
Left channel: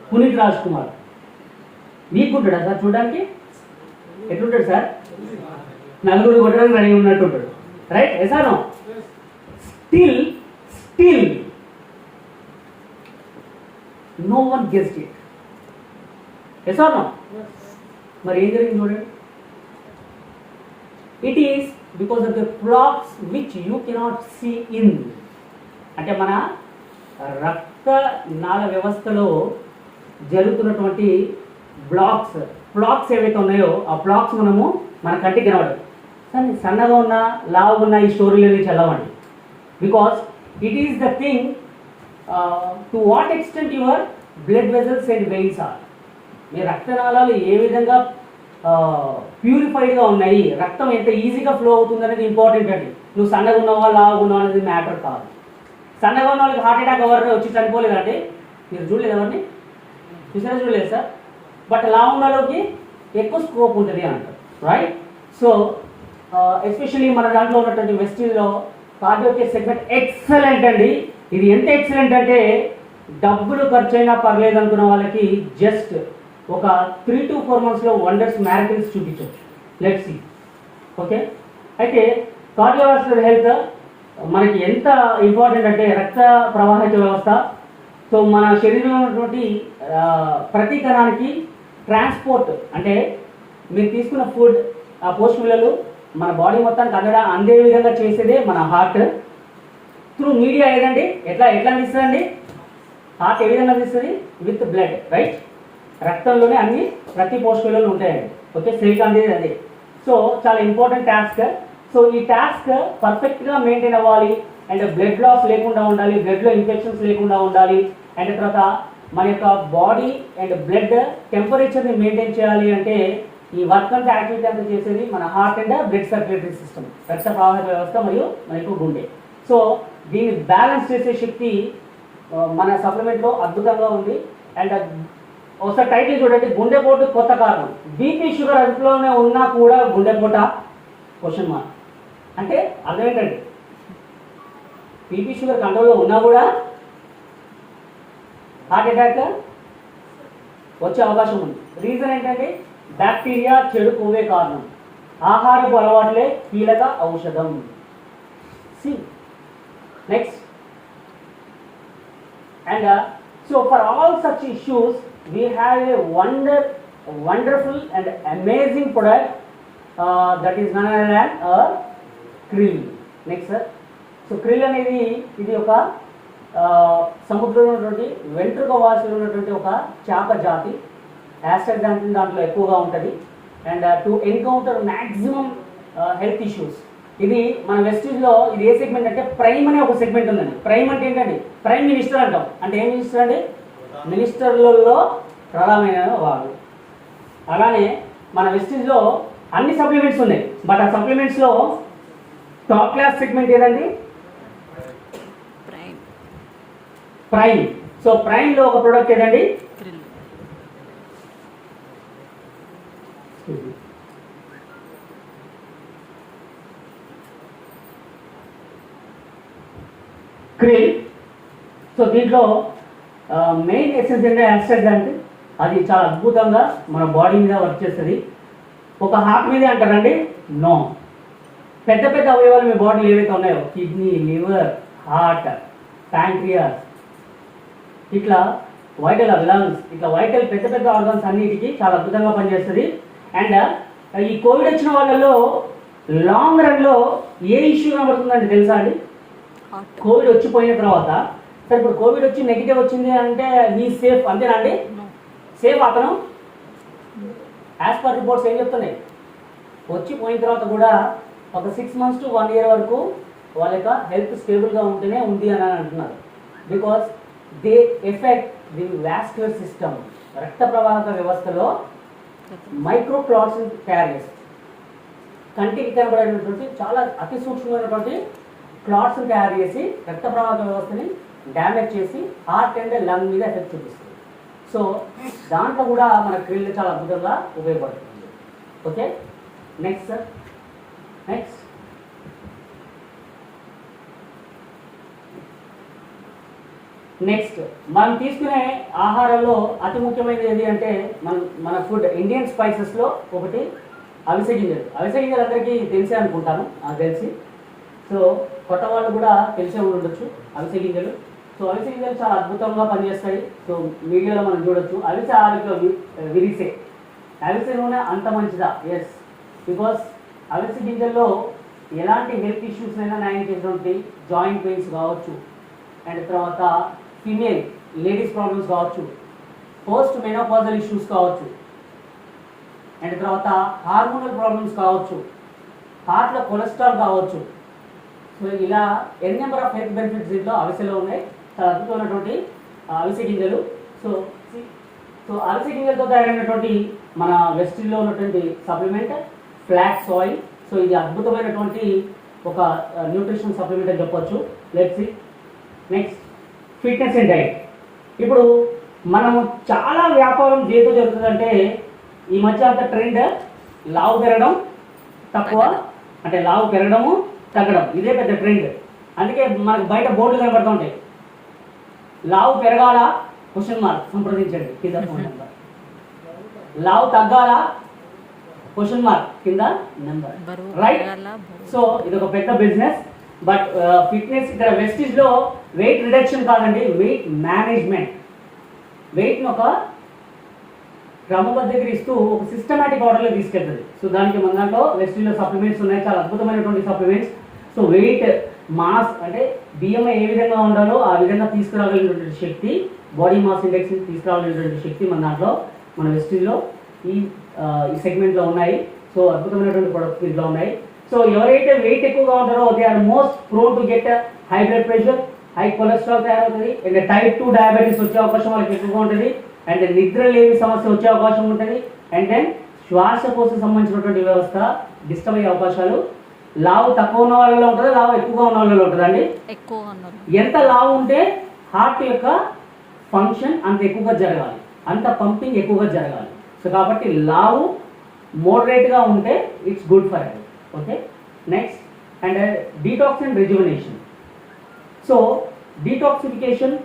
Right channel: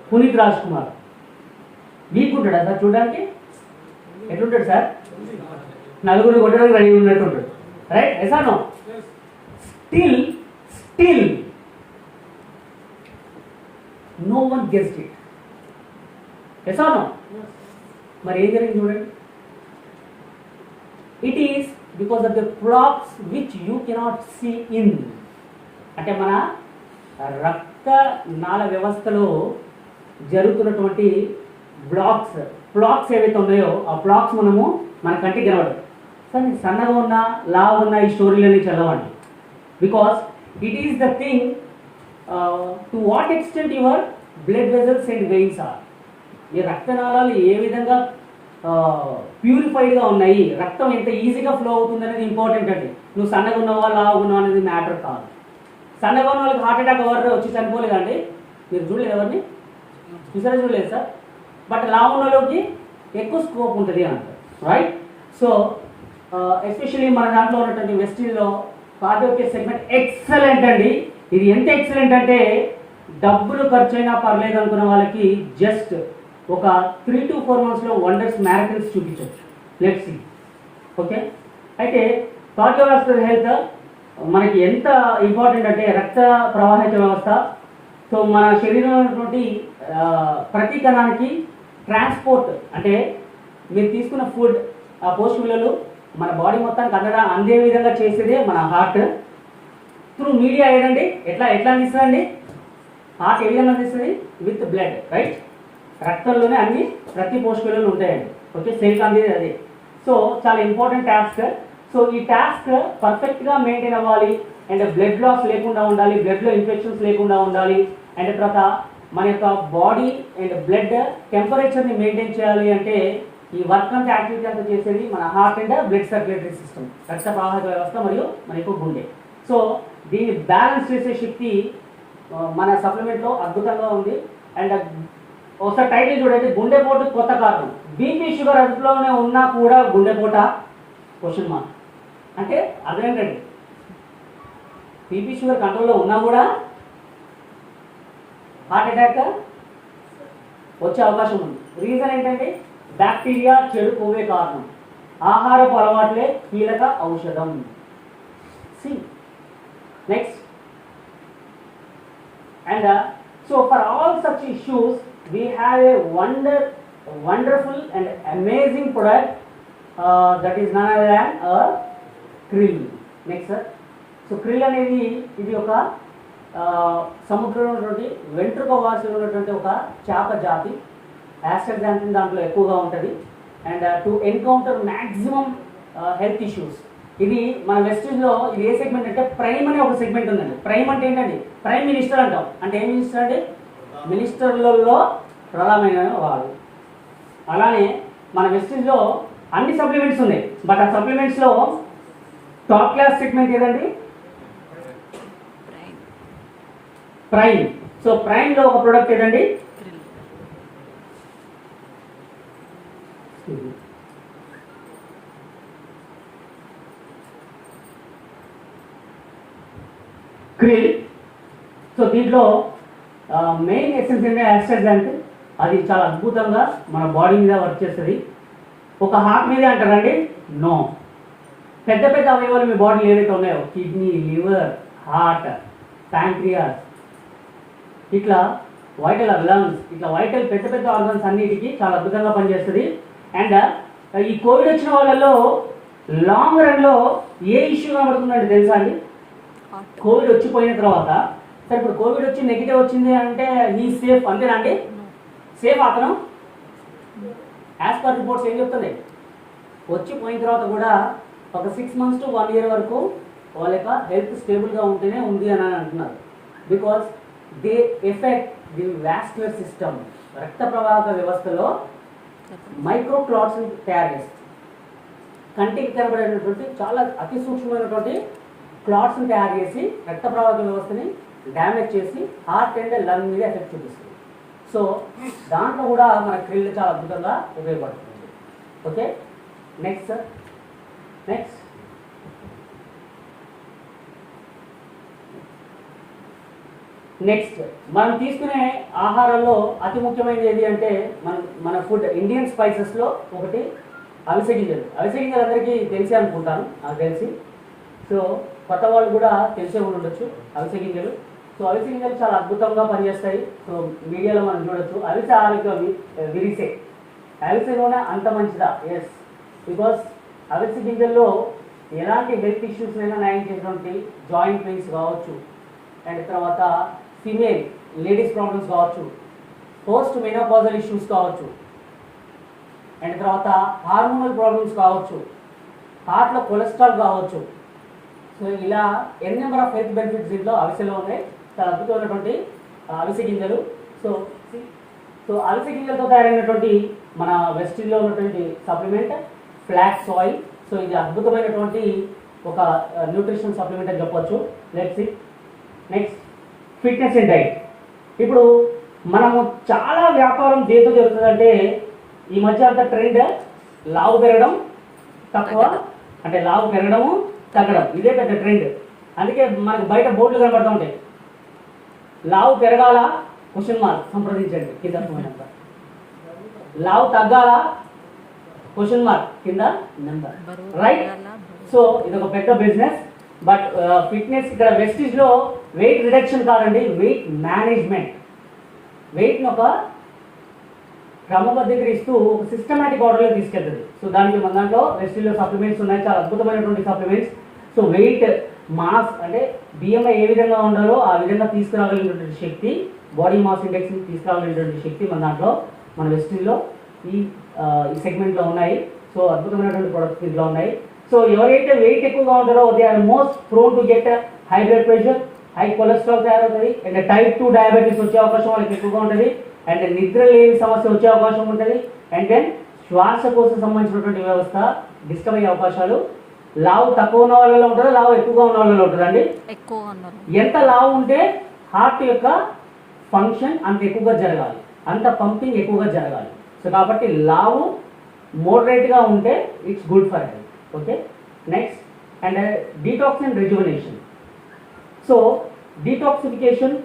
పునీత్ రాజ్ కుమార్. వీక్ ఉంటాడా సార్ చూడడానికి? ఎట్లుంటాడు సార్? 4 కొట్టడానికి రెడీ ఉన్నట్టుంటాడు, right? Yes or no? Still no one guessed it. Yes or no? మరి ఏం జరిగింది చూడండి. It is because of the blocks which you cannot see in. అంటే మన రక్త నాళ వ్యవస్థలో జరుగుతున్నటువంటి బ్లాక్స్ ఏవైతే ఉన్నాయో ఆ బ్లాక్స్ మనము మన కంటికి కనబడదు. కానీ సన్నగా ఉన్న, లావు ఉన్న ఈ స్టోరీలన్నీ చదవండి. Because it is the thing to what extent your blood vessels and veins are. ఈ రక్తనాళాలు ఏ విధంగా ప్యూరిఫైడ్గా ఉన్నాయి, రక్తం ఎంత ఈజీగా ఫ్లో అవుతుంది అనేది ఇంపార్టెంట్ అండి. నువ్వు సన్నగా ఉన్నావా, లావుగా ఉన్నావు అనేది మ్యాటర్ కాదు. సన్నగా ఉన్న వాళ్ళకి హార్ట్ అటాక్ ఎవరు వచ్చి చనిపోలేదండి? మీరు చూడలేదు ఎవరిని? చూడలేదు సార్. బట్ లావు ఉన్న వాళ్ళకి ఎక్కువ స్కోప్ ఉంటుంది అంటారు, రైట్? సో ఎస్పెషల్లీ మన దాంట్లో ఉన్నటువంటి వెస్టీజ్లో కార్డియో కేర్ సెగ్మెంట్ ఎక్సలెంట్ అండి. ఇది ఎంత ఎక్సలెంట్ అంటే డబ్బులు ఖర్చు అయినా పర్లేదు అనుకున్న వాళ్ళకి జస్ట్ ఒక 3 to 4 months వండర్స్, మ్యారకిల్స్ చూపించవచ్చు. Let's see. ఓకే, అయితే కార్డియోవాస్కులర్ హెల్త్ మనకి ఎంత ఇంపార్టెంట్ అంటే రక్త ప్రవాహిక వ్యవస్థ. సో మన శరీరంలో ఉన్నటువంటి ప్రతి కణానికి ట్రాన్స్పోర్ట్ అంటే మీరు తీసుకున్న ఫుడ్ ఆ పోషకాలు మన బాడీ మొత్తానికి అందే విధంగా చేసేదే మన హార్ట్. త్రూ మీడియా ఏదండి, ఎట్లా అందిస్తుందండి? హార్ట్ ఏ విధంగా అందిస్తుంది? With blood, right? రక్తంలోనే అన్ని ప్రతి పోషకాలు ఉంటాయండి. ఓకే, సెల్కి అందేది అదే. సో చాలా ఇంపార్టెంట్ టాస్క్. సో ఈ టాస్క్ పర్ఫెక్ట్గా మెయింటైన్ అవ్వాలి అండ్ బ్లడ్ లాస్ లేకుండా ఉండాలి, బ్లడ్లో ఇన్ఫెక్షన్స్ లేకుండా ఉండాలి అండ్ తర్వాత మన యొక్క బాడీ అండ్ బ్లడ్ టెంపరేచర్ని మెయింటైన్ చేయాలి అంటే ఈ వర్క్ అంతా యాక్టివిటీ అంతా చేసేది మన heart and blood circulatory system, రక్త ప్రవాహక వ్యవస్థ మరియు మనకు గుండె. సో దీన్ని బ్యాలెన్స్ చేసే శక్తి మన సప్లిమెంట్లో అద్భుతంగా ఉంది. అండ్ ఒకసారి టైటిల్ చూడండి, గుండెపోటు కొత్త కారణం. బీపీ షుగర్ అదుపులోనే ఉన్నా కూడా గుండెపోట క్వశ్చన్ మార్క్. అంటే అర్థం ఏంటండి, బీపీ షుగర్ కంట్రోల్లో ఉన్నా కూడా హార్ట్ అటాక్ వచ్చే అవకాశం ఉంది. రీజన్ ఏంటంటే బ్యాక్టీరియా, చెడు కొవ్వే కారణం. ఆహారపు అలవాట్లే కీలక ఔషధం. See next. And so for all such issues we have a wonderful and amazing product that is none other than krill. Next sir. So krill అనేది ఇది ఒక సముద్రంలో ఉన్నటువంటి వెంట్రుక వాసులు ఉన్నటువంటి ఒక చేప జాతి. యాస్టర్ దాంట్లో ఎక్కువగా ఉంటుంది. And to encounter maximum health issues. ఇది మన వెస్టీజ్లో ఇది ఏ సెగ్మెంట్ అంటే ప్రైమ్ అనే ఒక సెగ్మెంట్ ఉందండి. ప్రైమ్ అంటే ఏంటండి? ప్రైమ్ మినిస్టర్ అంటాం. అంటే ఏం మినిస్టర్ అండి? మినిస్టర్లలో ప్రధానమైన వాడు. అలానే మన వెస్టీజ్లో అన్ని సప్లిమెంట్స్ ఉన్నాయి. బట్ ఆ సప్లిమెంట్స్లో టాప్ క్లాస్ సెగ్మెంట్ ఏదండి? ప్రైమ్. సో ప్రైమ్లో ఒక ప్రోడక్ట్ ఏదండి? క్రిల్. సో దీంట్లో మెయిన్ ఎసెన్స్ ఏంటంటే యాస్ట్రాజాంట్. అది చాలా అద్భుతంగా మన బాడీ మీద వర్క్ చేస్తుంది. ఒక హార్ట్ మీదే అంటారండి? నో. పెద్ద పెద్ద అవయవాలు మీ బాడీలో ఏవైతే ఉన్నాయో కిడ్నీ, లివర్, హార్ట్, ప్యాంక్రియాస్, ఇట్లా వైటల్ లంగ్స్, ఇట్లా వైటల్ పెద్ద పెద్ద ఆర్గన్స్ అన్నిటికీ చాలా అద్భుతంగా పనిచేస్తుంది. అండ్ ఈ కోవిడ్ వచ్చిన వాళ్ళలో లాంగ్ రన్లో ఏ ఇష్యూ కనబడుతుందండి తెలుసా అండి? కోవిడ్ వచ్చిపోయిన తర్వాత సరే ఇప్పుడు కోవిడ్ వచ్చి నెగిటివ్ వచ్చింది అంటే ఈ సేఫ్ అంతేనండి? సేఫ్ అతను యాజ్ పర్ రిపోర్ట్స్ ఏం చెప్తున్నాయి, వచ్చిపోయిన తర్వాత కూడా ఒక 6 months to 1 year వరకు వాళ్ళ యొక్క హెల్త్ స్టేబుల్గా ఉంటేనే ఉంది అని అంటున్నారు. Because they effect the vascular system. రక్త ప్రవాహక వ్యవస్థలో మైక్రో క్లాట్స్ తయారు చేస్తుంది. కంటికి కనబడేటటువంటి చాలా అతి సూక్ష్మమైనటువంటి క్లాట్స్ని తయారు చేసి రక్త ప్రవాహక వ్యవస్థని డ్యామేజ్ చేసి హార్ట్ అండ్ లంగ్ మీద ఎఫెక్ట్ చూపిస్తుంది. సో దాంట్లో కూడా మన క్రిల్ చాలా అద్భుతంగా ఉపయోగపడుతుంది. Okay, next sir. నెక్స్ట్ మనం తీసుకునే ఆహారంలో అతి ముఖ్యమైనది ఏది అంటే మన ఫుడ్ ఇండియన్ స్పైసెస్లో ఒకటి అవిసె గింజలు. అవిసె గింజలు అందరికీ తెలిసే అనుకుంటాను, నాకు తెలిసి. సో కొత్త వాళ్ళు కూడా తెలిసే ఉండొచ్చు అవిసె గింజలు. సో అవిసె గింజలు చాలా అద్భుతంగా పనిచేస్తాయి. సో మీడియాలో మనం చూడొచ్చు. అవిసె ఆరోగ్య విరిసే. అవిసె నూనె అంత మంచిదా? ఎస్, బికాస్ అవిసె గింజల్లో ఎలాంటి హెల్త్ ఇష్యూస్నైనా న్యాయం చేసినటువంటి జాయింట్ పెయిన్స్ కావచ్చు, అండ్ తర్వాత ఫీమేల్ లేడీస్ ప్రాబ్లమ్స్ కావచ్చు, పోస్ట్ మెనోపాజల్ ఇష్యూస్ కావచ్చు, అండ్ తర్వాత హార్మోనల్ ప్రాబ్లమ్స్ కావచ్చు, హార్ట్లో కొలెస్ట్రాల్ కావచ్చు. సో ఇలా ఎన్ నెంబర్ ఆఫ్ హెల్త్ బెనిఫిట్స్ దీంట్లో అవిసెలో ఉన్నాయి. చాలా అద్భుతమైనటువంటి అవిసె గింజలు. సో అవిసె గింజలతో తయారైనటువంటి మన వెస్టిల్లో ఉన్నటువంటి సప్లిమెంట్ ఫ్లాక్స్ ఆయిల్. సో ఇది అద్భుతమైనటువంటి ఒక న్యూట్రిషన్ సప్లిమెంట్ అని చెప్పొచ్చు. Let's see. Next, fitness and diet. ఇప్పుడు మనము చాలా వ్యాపారం దేంతో జరుగుతుందంటే ఈ మధ్య అంత ట్రెండ్ లావు పెరగడం తక్కువ, అంటే లావు పెరగడము తగ్గడం, ఇదే పెద్ద ట్రెండ్. అందుకే మనకు బయట బోర్డులు కనబడుతూ ఉంటాయి, లావు పెరగాల క్వశ్చన్ మార్క్ సంప్రదించండి కింద. లావు తగ్గాల క్వశ్చన్ మార్క్ కింద నెంబర్, బరువు రైట్? పెరగాల, బరువు. సో ఇది ఒక పెద్ద బిజినెస్. బట్ ఫిట్నెస్ ఇక్కడ వెస్టిజ్ లో వెయిట్ రిడక్షన్ కాదండి, వెయిట్ మేనేజ్మెంట్. వెయిట్ ని ఒక క్రమబద్ధీకరిస్తూ ఒక సిస్టమేటిక్ ఆర్డర్ లో తీసుకెళ్తుంది. సో దానికి మన దాంట్లో వెస్టిజ్ లో సప్లిమెంట్స్ ఉన్నాయి, చాలా అద్భుతమైనటువంటి సప్లిమెంట్స్. సో వెయిట్ మాస్ అంటే బియ్యంలో ఏ విధంగా ఉండాలో ఆ విధంగా తీసుకురాగలిగినటువంటి శక్తి, బాడీ మాస్ ఇండెక్స్ ని తీసుకురాగలిగినటువంటి శక్తి మన దాంట్లో మన వెస్టిజ్ లో ఈ సెగ్మెంట్ లో ఉన్నాయి. సో అద్భుతమైనటువంటి ప్రొడక్ట్స్ దీంట్లో ఉన్నాయి. సో ఎవరైతే వెయిట్ ఎక్కువగా ఉంటారో they are most prone to get high blood pressure, high cholesterol తయారవుతుంది, అండ్ టైప్ 2 డయాబెటీస్ వచ్చే అవకాశం వాళ్ళకి ఎక్కువగా ఉంటుంది, అండ్ నిద్ర లేని సమస్య వచ్చే అవకాశం ఉంటుంది, అండ్ దెన్ శ్వాసకోశం సంబంధించినటువంటి వ్యవస్థ డిస్టర్బ్ అయ్యే అవకాశాలు. లావు తక్కువ ఉన్న వాళ్ళలో ఉంటుందా, లావు ఎక్కువగా ఉన్న వాళ్ళలో ఉంటుందండి? ఎక్కువ ఉన్నారు. ఎంత లావు ఉంటే హార్ట్ యొక్క ఫంక్షన్ అంత ఎక్కువగా జరగాలి, అంత పంపింగ్ ఎక్కువగా జరగాలి. సో కాబట్టి లావు మోడరేట్ గా ఉంటే it's good for health. Okay, next and detox and rejuvenation. So detoxification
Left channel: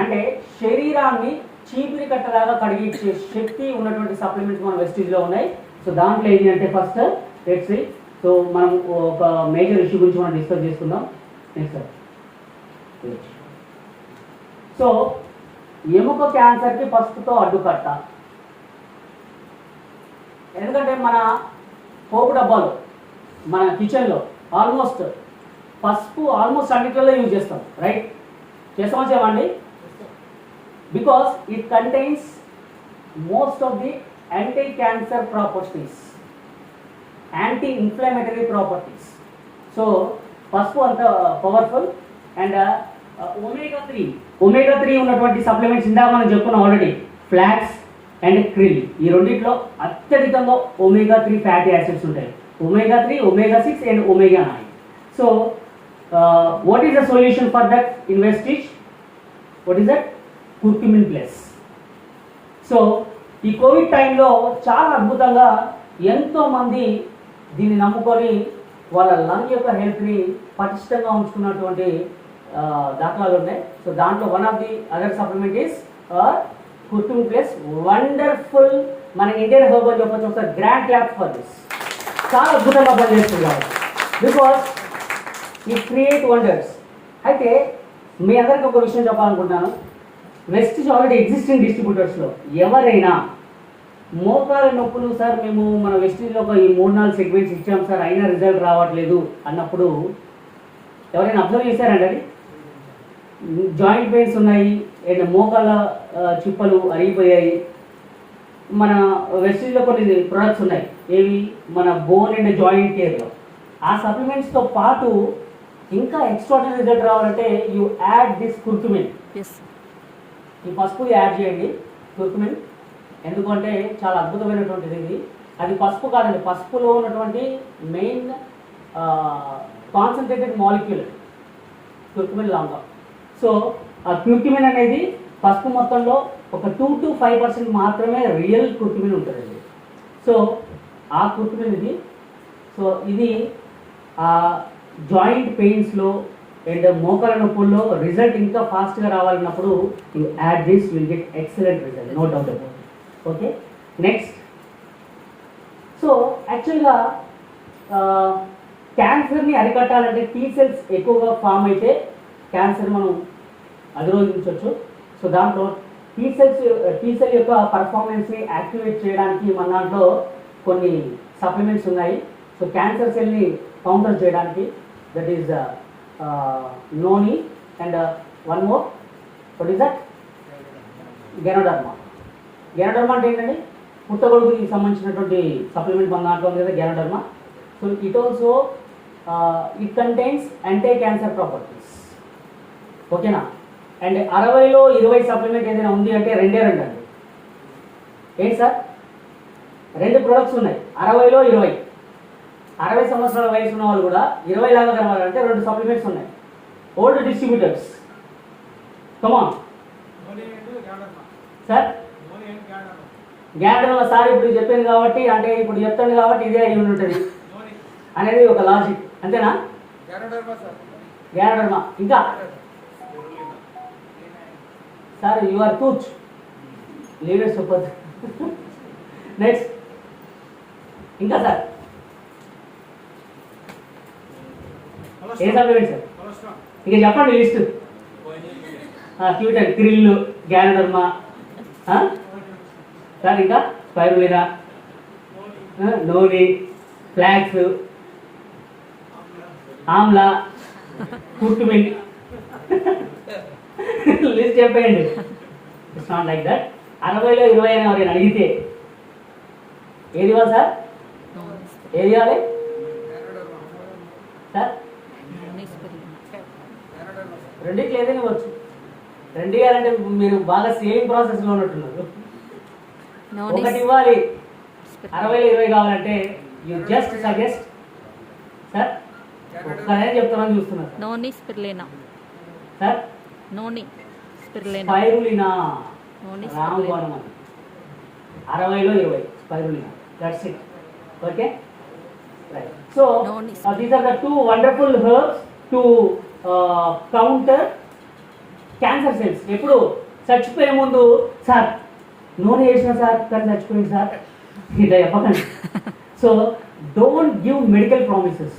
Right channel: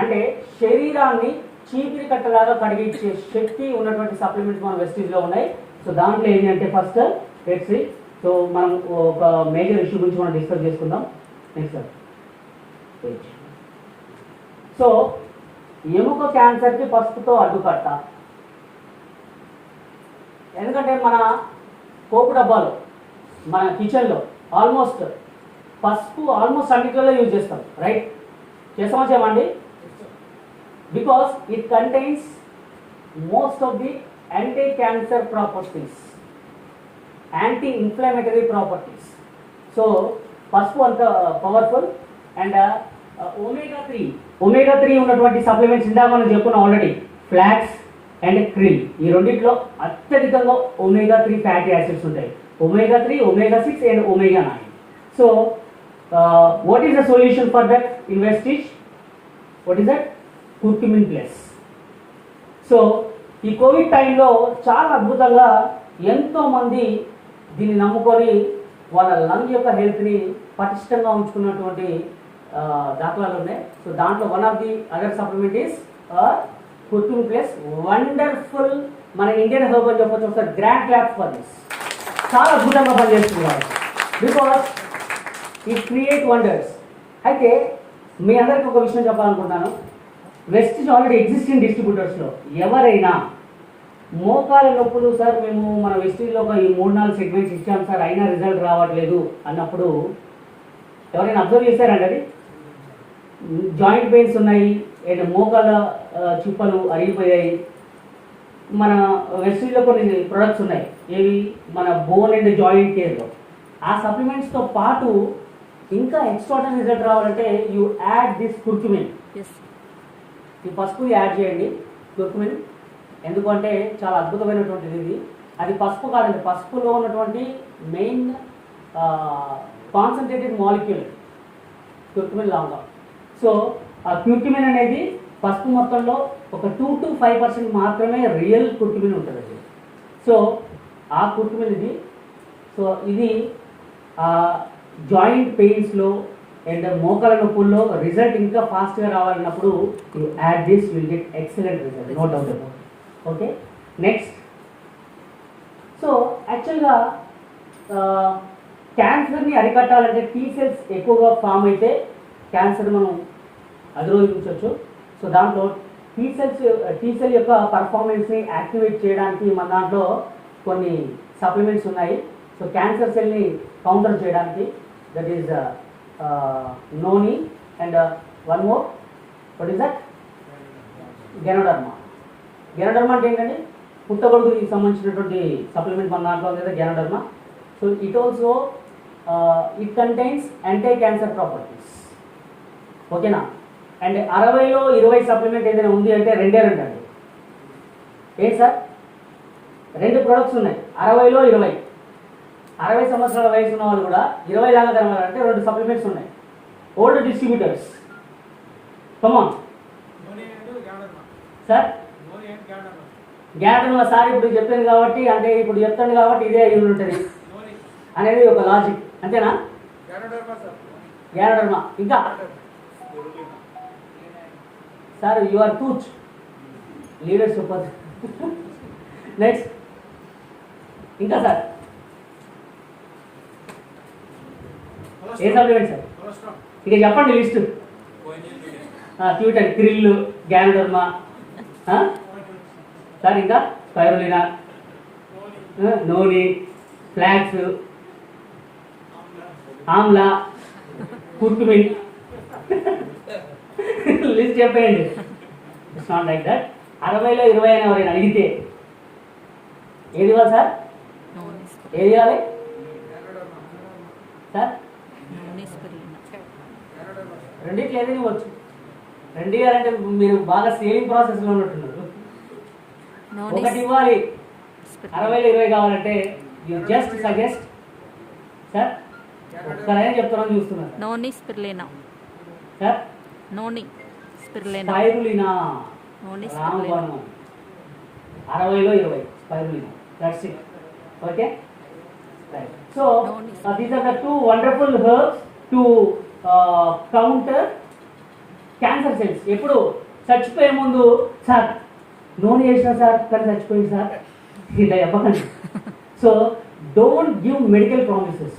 అంటే శరీరాన్ని చీపిరి కట్టలాగా కడిగించే శక్తి ఉన్నటువంటి సప్లిమెంట్స్ మన వెస్టీజ్ లో ఉన్నాయి. సో దాంట్లో ఏంటి అంటే ఫస్ట్ లెట్స్ సో మనం ఒక మేజర్ ఇష్యూ గురించి మనం డిస్కస్ చేసుకుందాం. నెక్స్ట్ సో ఎముక క్యాన్సర్కి పసుపుతో అడ్డుకట్ట. ఎందుకంటే మన పోపు డబ్బాలు మన కిచెన్లో ఆల్మోస్ట్ పసుపు ఆల్మోస్ట్ అన్నిటిలో యూజ్ చేస్తాం, రైట్? చేస్తామా చేయమండి? Because it contains most of the anti cancer properties, anti inflammatory properties. So పసుపు అంత పవర్ఫుల్. అండ్ ఒమేగా 3 ఉన్నటువంటి సప్లిమెంట్స్ ఇందాక మనం చెప్పుకున్నాం ఆల్రెడీ, ఫ్లాక్స్ అండ్ క్రిల్. ఈ రెండిట్లో అత్యధికంగా ఒమేగా 3 ఫ్యాటీ యాసిడ్స్ ఉంటాయి. Omega 3, omega 6 and omega 9. So what is the solution for that in Vestige? What is that? Curcumin plus. So ఈ కోవిడ్ టైంలో చాలా అద్భుతంగా ఎంతో మంది దీన్ని నమ్ముకొని వాళ్ళ లంగ్ యొక్క హెల్త్ని పటిష్టంగా ఉంచుకున్నటువంటి దాఖలాలు ఉన్నాయి. సో దాంట్లో one of the other supplement is curcumin plus. Wonderful. మన ఇండియన్ హెర్బ్ అని చెప్పొచ్చు. ఒకసారి గ్రాండ్ క్లాప్ ఫర్ దిస్. చాలా అద్భుతంగా పనిచేస్తున్నారు బికాస్ ఇట్ క్రియేట్ వండర్స్. అయితే మీ అందరికీ ఒక విషయం చెప్పాలనుకుంటున్నాను. వెస్టిజ్ ఆల్రెడీ ఎగ్జిస్టింగ్ డిస్ట్రిబ్యూటర్స్లో ఎవరైనా మోకాల నొప్పులు సార్ మేము మన వెస్టిజ్లో ఒక ఈ 3-4 సెగ్మెంట్స్ ఇచ్చాం సార్ అయినా రిజల్ట్ రావట్లేదు అన్నప్పుడు ఎవరైనా అబ్జర్వ్ చేశారండి? అది జాయింట్ పెయిన్స్ ఉన్నాయి అండ్ మోకాల చిప్పలు అరిగిపోయాయి. మన వెస్టిజ్లో కొన్ని ప్రొడక్ట్స్ ఉన్నాయి, ఏవి? మన బోన్ అండ్ జాయింట్ కేర్లో. ఆ సప్లిమెంట్స్తో పాటు ఇంకా ఎక్స్ట్రాడనరీ రిజల్ట్ రావాలంటే యూ యాడ్ దిస్ కుర్కుమిన్. ఈ పసుపు యాడ్ చేయండి, కుర్కుమిన్. ఎందుకంటే చాలా అద్భుతమైనటువంటిది ఇది. అది పసుపు కాదండి, పసుపులో ఉన్నటువంటి మెయిన్ కాన్సన్ట్రేటెడ్ మాలిక్యూల్ కుర్కుమిన్ లాంగా. సో ఆ కుర్కుమిన్ అనేది పసుపు మొత్తంలో ఒక 2 to 5% మాత్రమే రియల్ కుర్కుమిన్ ఉంటుందండి. సో ఆ కుర్కుమిన్ ఇది. సో ఇది జాయింట్ పెయిన్స్లో అండ్ మోకాల నొప్పుల్లో రిజల్ట్ ఇంకా ఫాస్ట్గా రావాలన్నప్పుడు you add this, will get excellent result, no doubt about. Okay, next. So యాక్చువల్గా క్యాన్సర్ని అరికట్టాలంటే టీ సెల్స్ ఎక్కువగా ఫామ్ అయితే క్యాన్సర్ మనం అధిరోధించవచ్చు. సో దాంట్లో టీ సెల్ యొక్క పర్ఫార్మెన్స్ని యాక్టివేట్ చేయడానికి మన దాంట్లో కొన్ని సప్లిమెంట్స్ ఉన్నాయి. సో క్యాన్సర్ సెల్ని కౌంటర్ చేయడానికి, that is noni and one more, what is that? Ganoderma. Ganoderma అంటే ఏంటండి? పుట్టగొడుగుకి సంబంధించినటువంటి సప్లిమెంట్ మన దాంట్లో ఉంది కదా, ganoderma. So it also it contains anti cancer properties. ఓకేనా? అండ్ 60లో 20 సప్లిమెంట్ ఏదైనా ఉంది అంటే 2 అండి. ఏంటి సార్? 2 ప్రొడక్ట్స్ ఉన్నాయి, 60లో 20. 60 సంవత్సరాల వయసు ఉన్న వాళ్ళు కూడా 20 లాగా కనబడాలంటే 2 సప్లిమెంట్స్ ఉన్నాయి. Old distributors. Come on sir. గ్యాడర్మా సార్ ఇప్పుడు చెప్పాను కాబట్టి, అంటే ఇప్పుడు చెప్తాను కాబట్టి ఇదే అయి ఉంటుంది అనేది ఒక లాజిక్, అంతేనా? గ్యాడర్మా. ఇంకా sir you are such leaders super. Next ఇంకా సార్ ఏ సప్లిమెంట్ సార్ ఇక చెప్పండి list. Cute and krill, ganoderma sir, ఇంకా స్పైరులినా, నూనె, ఫ్లాక్స్, ఆమ్లా, కుర్కుమిన్, లిస్ట్ చెప్పేయండి. It's not like that. 60లో 20 అని ఎవరైనా అడిగితే ఏది ఇవ్వాలి సార్? ఏది ఇవ్వాలి సార్? రెండింటి ఏదైనా ఇవ్వచ్చు. రెండు ఇవ్వాలంటే మీరు బాగా సేవింగ్ ప్రాసెస్లో ఉన్నట్టున్నారు. ఒకటి ఇవ్వాలి. 60లో 20 కావాలంటే యూ జస్ట్ సజెస్ట్ సార్. ఒక్కనే చెప్తున్నాను, చూస్తున్నారు noni spirulina sir. Noni spirulina spirulina, noni రామబాణం స్పిరులినా. అని. 60లో 20 spirulina. That's it. Okay right. So these are the two wonderful herbs to counter cancer cells. ఎప్పుడు చచ్చిపోయే ముందు సార్ నూనె వేసిన సార్ కానీ చచ్చిపోయింది సార్ ఇలా చెప్పకండి. So don't give medical promises,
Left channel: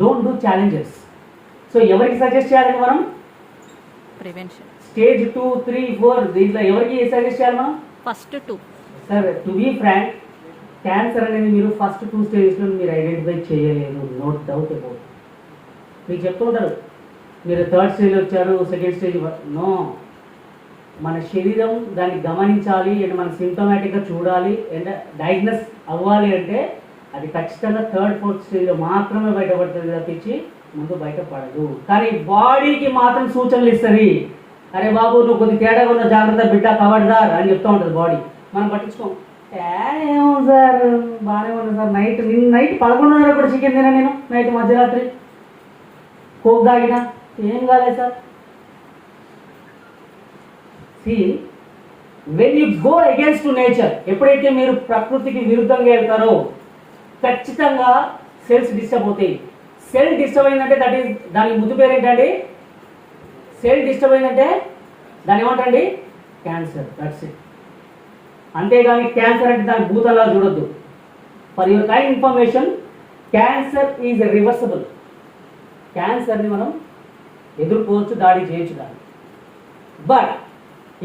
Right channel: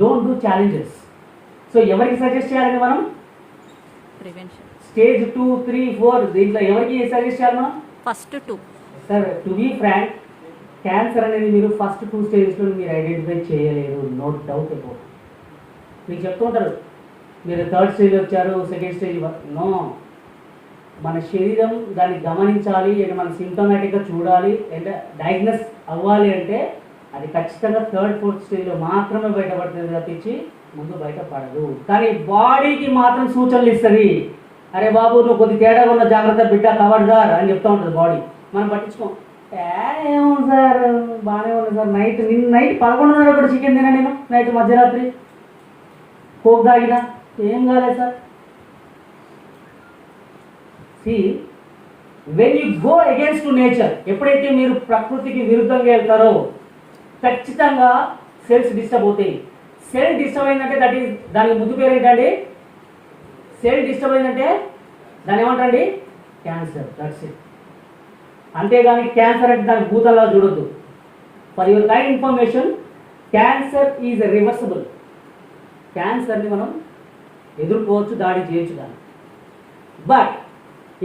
don't do challenges. So ఎవరికి సజెస్ట్ చేయాలండి మనం? ప్రివెన్షన్ స్టేజ్ 2, 3, 4 దీంట్లో ఎవరికి సజెస్ట్ చేయాలి మనం? First 2. Sir to be frank, cancer అనేది మీరు ఫస్ట్ 2 స్టేజెస్లో మీరు ఐడెంటిఫై చేయలేదు, నో డౌట్ అబౌట్. మీకు చెప్తుంటారు మీరు 3rd స్టేజ్ వచ్చారు, 2nd స్టేజ్. నో, మన శరీరం దాన్ని గమనించాలి అండ్ మన సింటమాటిక్గా చూడాలి అండ్ డయాగ్నోస్ అవ్వాలి అంటే అది ఖచ్చితంగా 3rd, 4th స్టేజ్లో మాత్రమే బయటపడుతుంది తప్పించి ముందు బయటపడదు. కానీ బాడీకి మాత్రం సూచనలు ఇస్తుంది. అరే బాబు నువ్వు కొద్ది తేడా ఉన్న జాగ్రత్త బిడ్డ కవర్దార్ అని చెప్తూ ఉంటుంది బాడీ. మనం పట్టించుకోం. ఏమో సార్ బాగానే ఉంది సార్, నిన్న నైట్ 11:30 చికెన్ తినా నేను, నైట్ మధ్యరాత్రి కోక్ తాగినా, ఏం కాలేదు sir. See when you go against to nature, ఎప్పుడైతే మీరు ప్రకృతికి విరుద్ధంగా వెళ్తారో ఖచ్చితంగా సెల్స్ డిస్టర్బ్ అవుతాయి. సెల్ డిస్టర్బ్ అయిందంటే దట్ ఈస్, దానికి ముందు పేరు ఏంటండి? సెల్ డిస్టర్బ్ అయిందంటే దాన్ని ఏమంటండి? క్యాన్సర్. That's it. అంతేగాని క్యాన్సర్ అంటే దాని భూతలా చూడొద్దు. For your kind information, cancer is reversible. క్యాన్సర్ని మనం ఎదుర్కోవచ్చు, దాడి చేయొచ్చు దాన్ని. బట్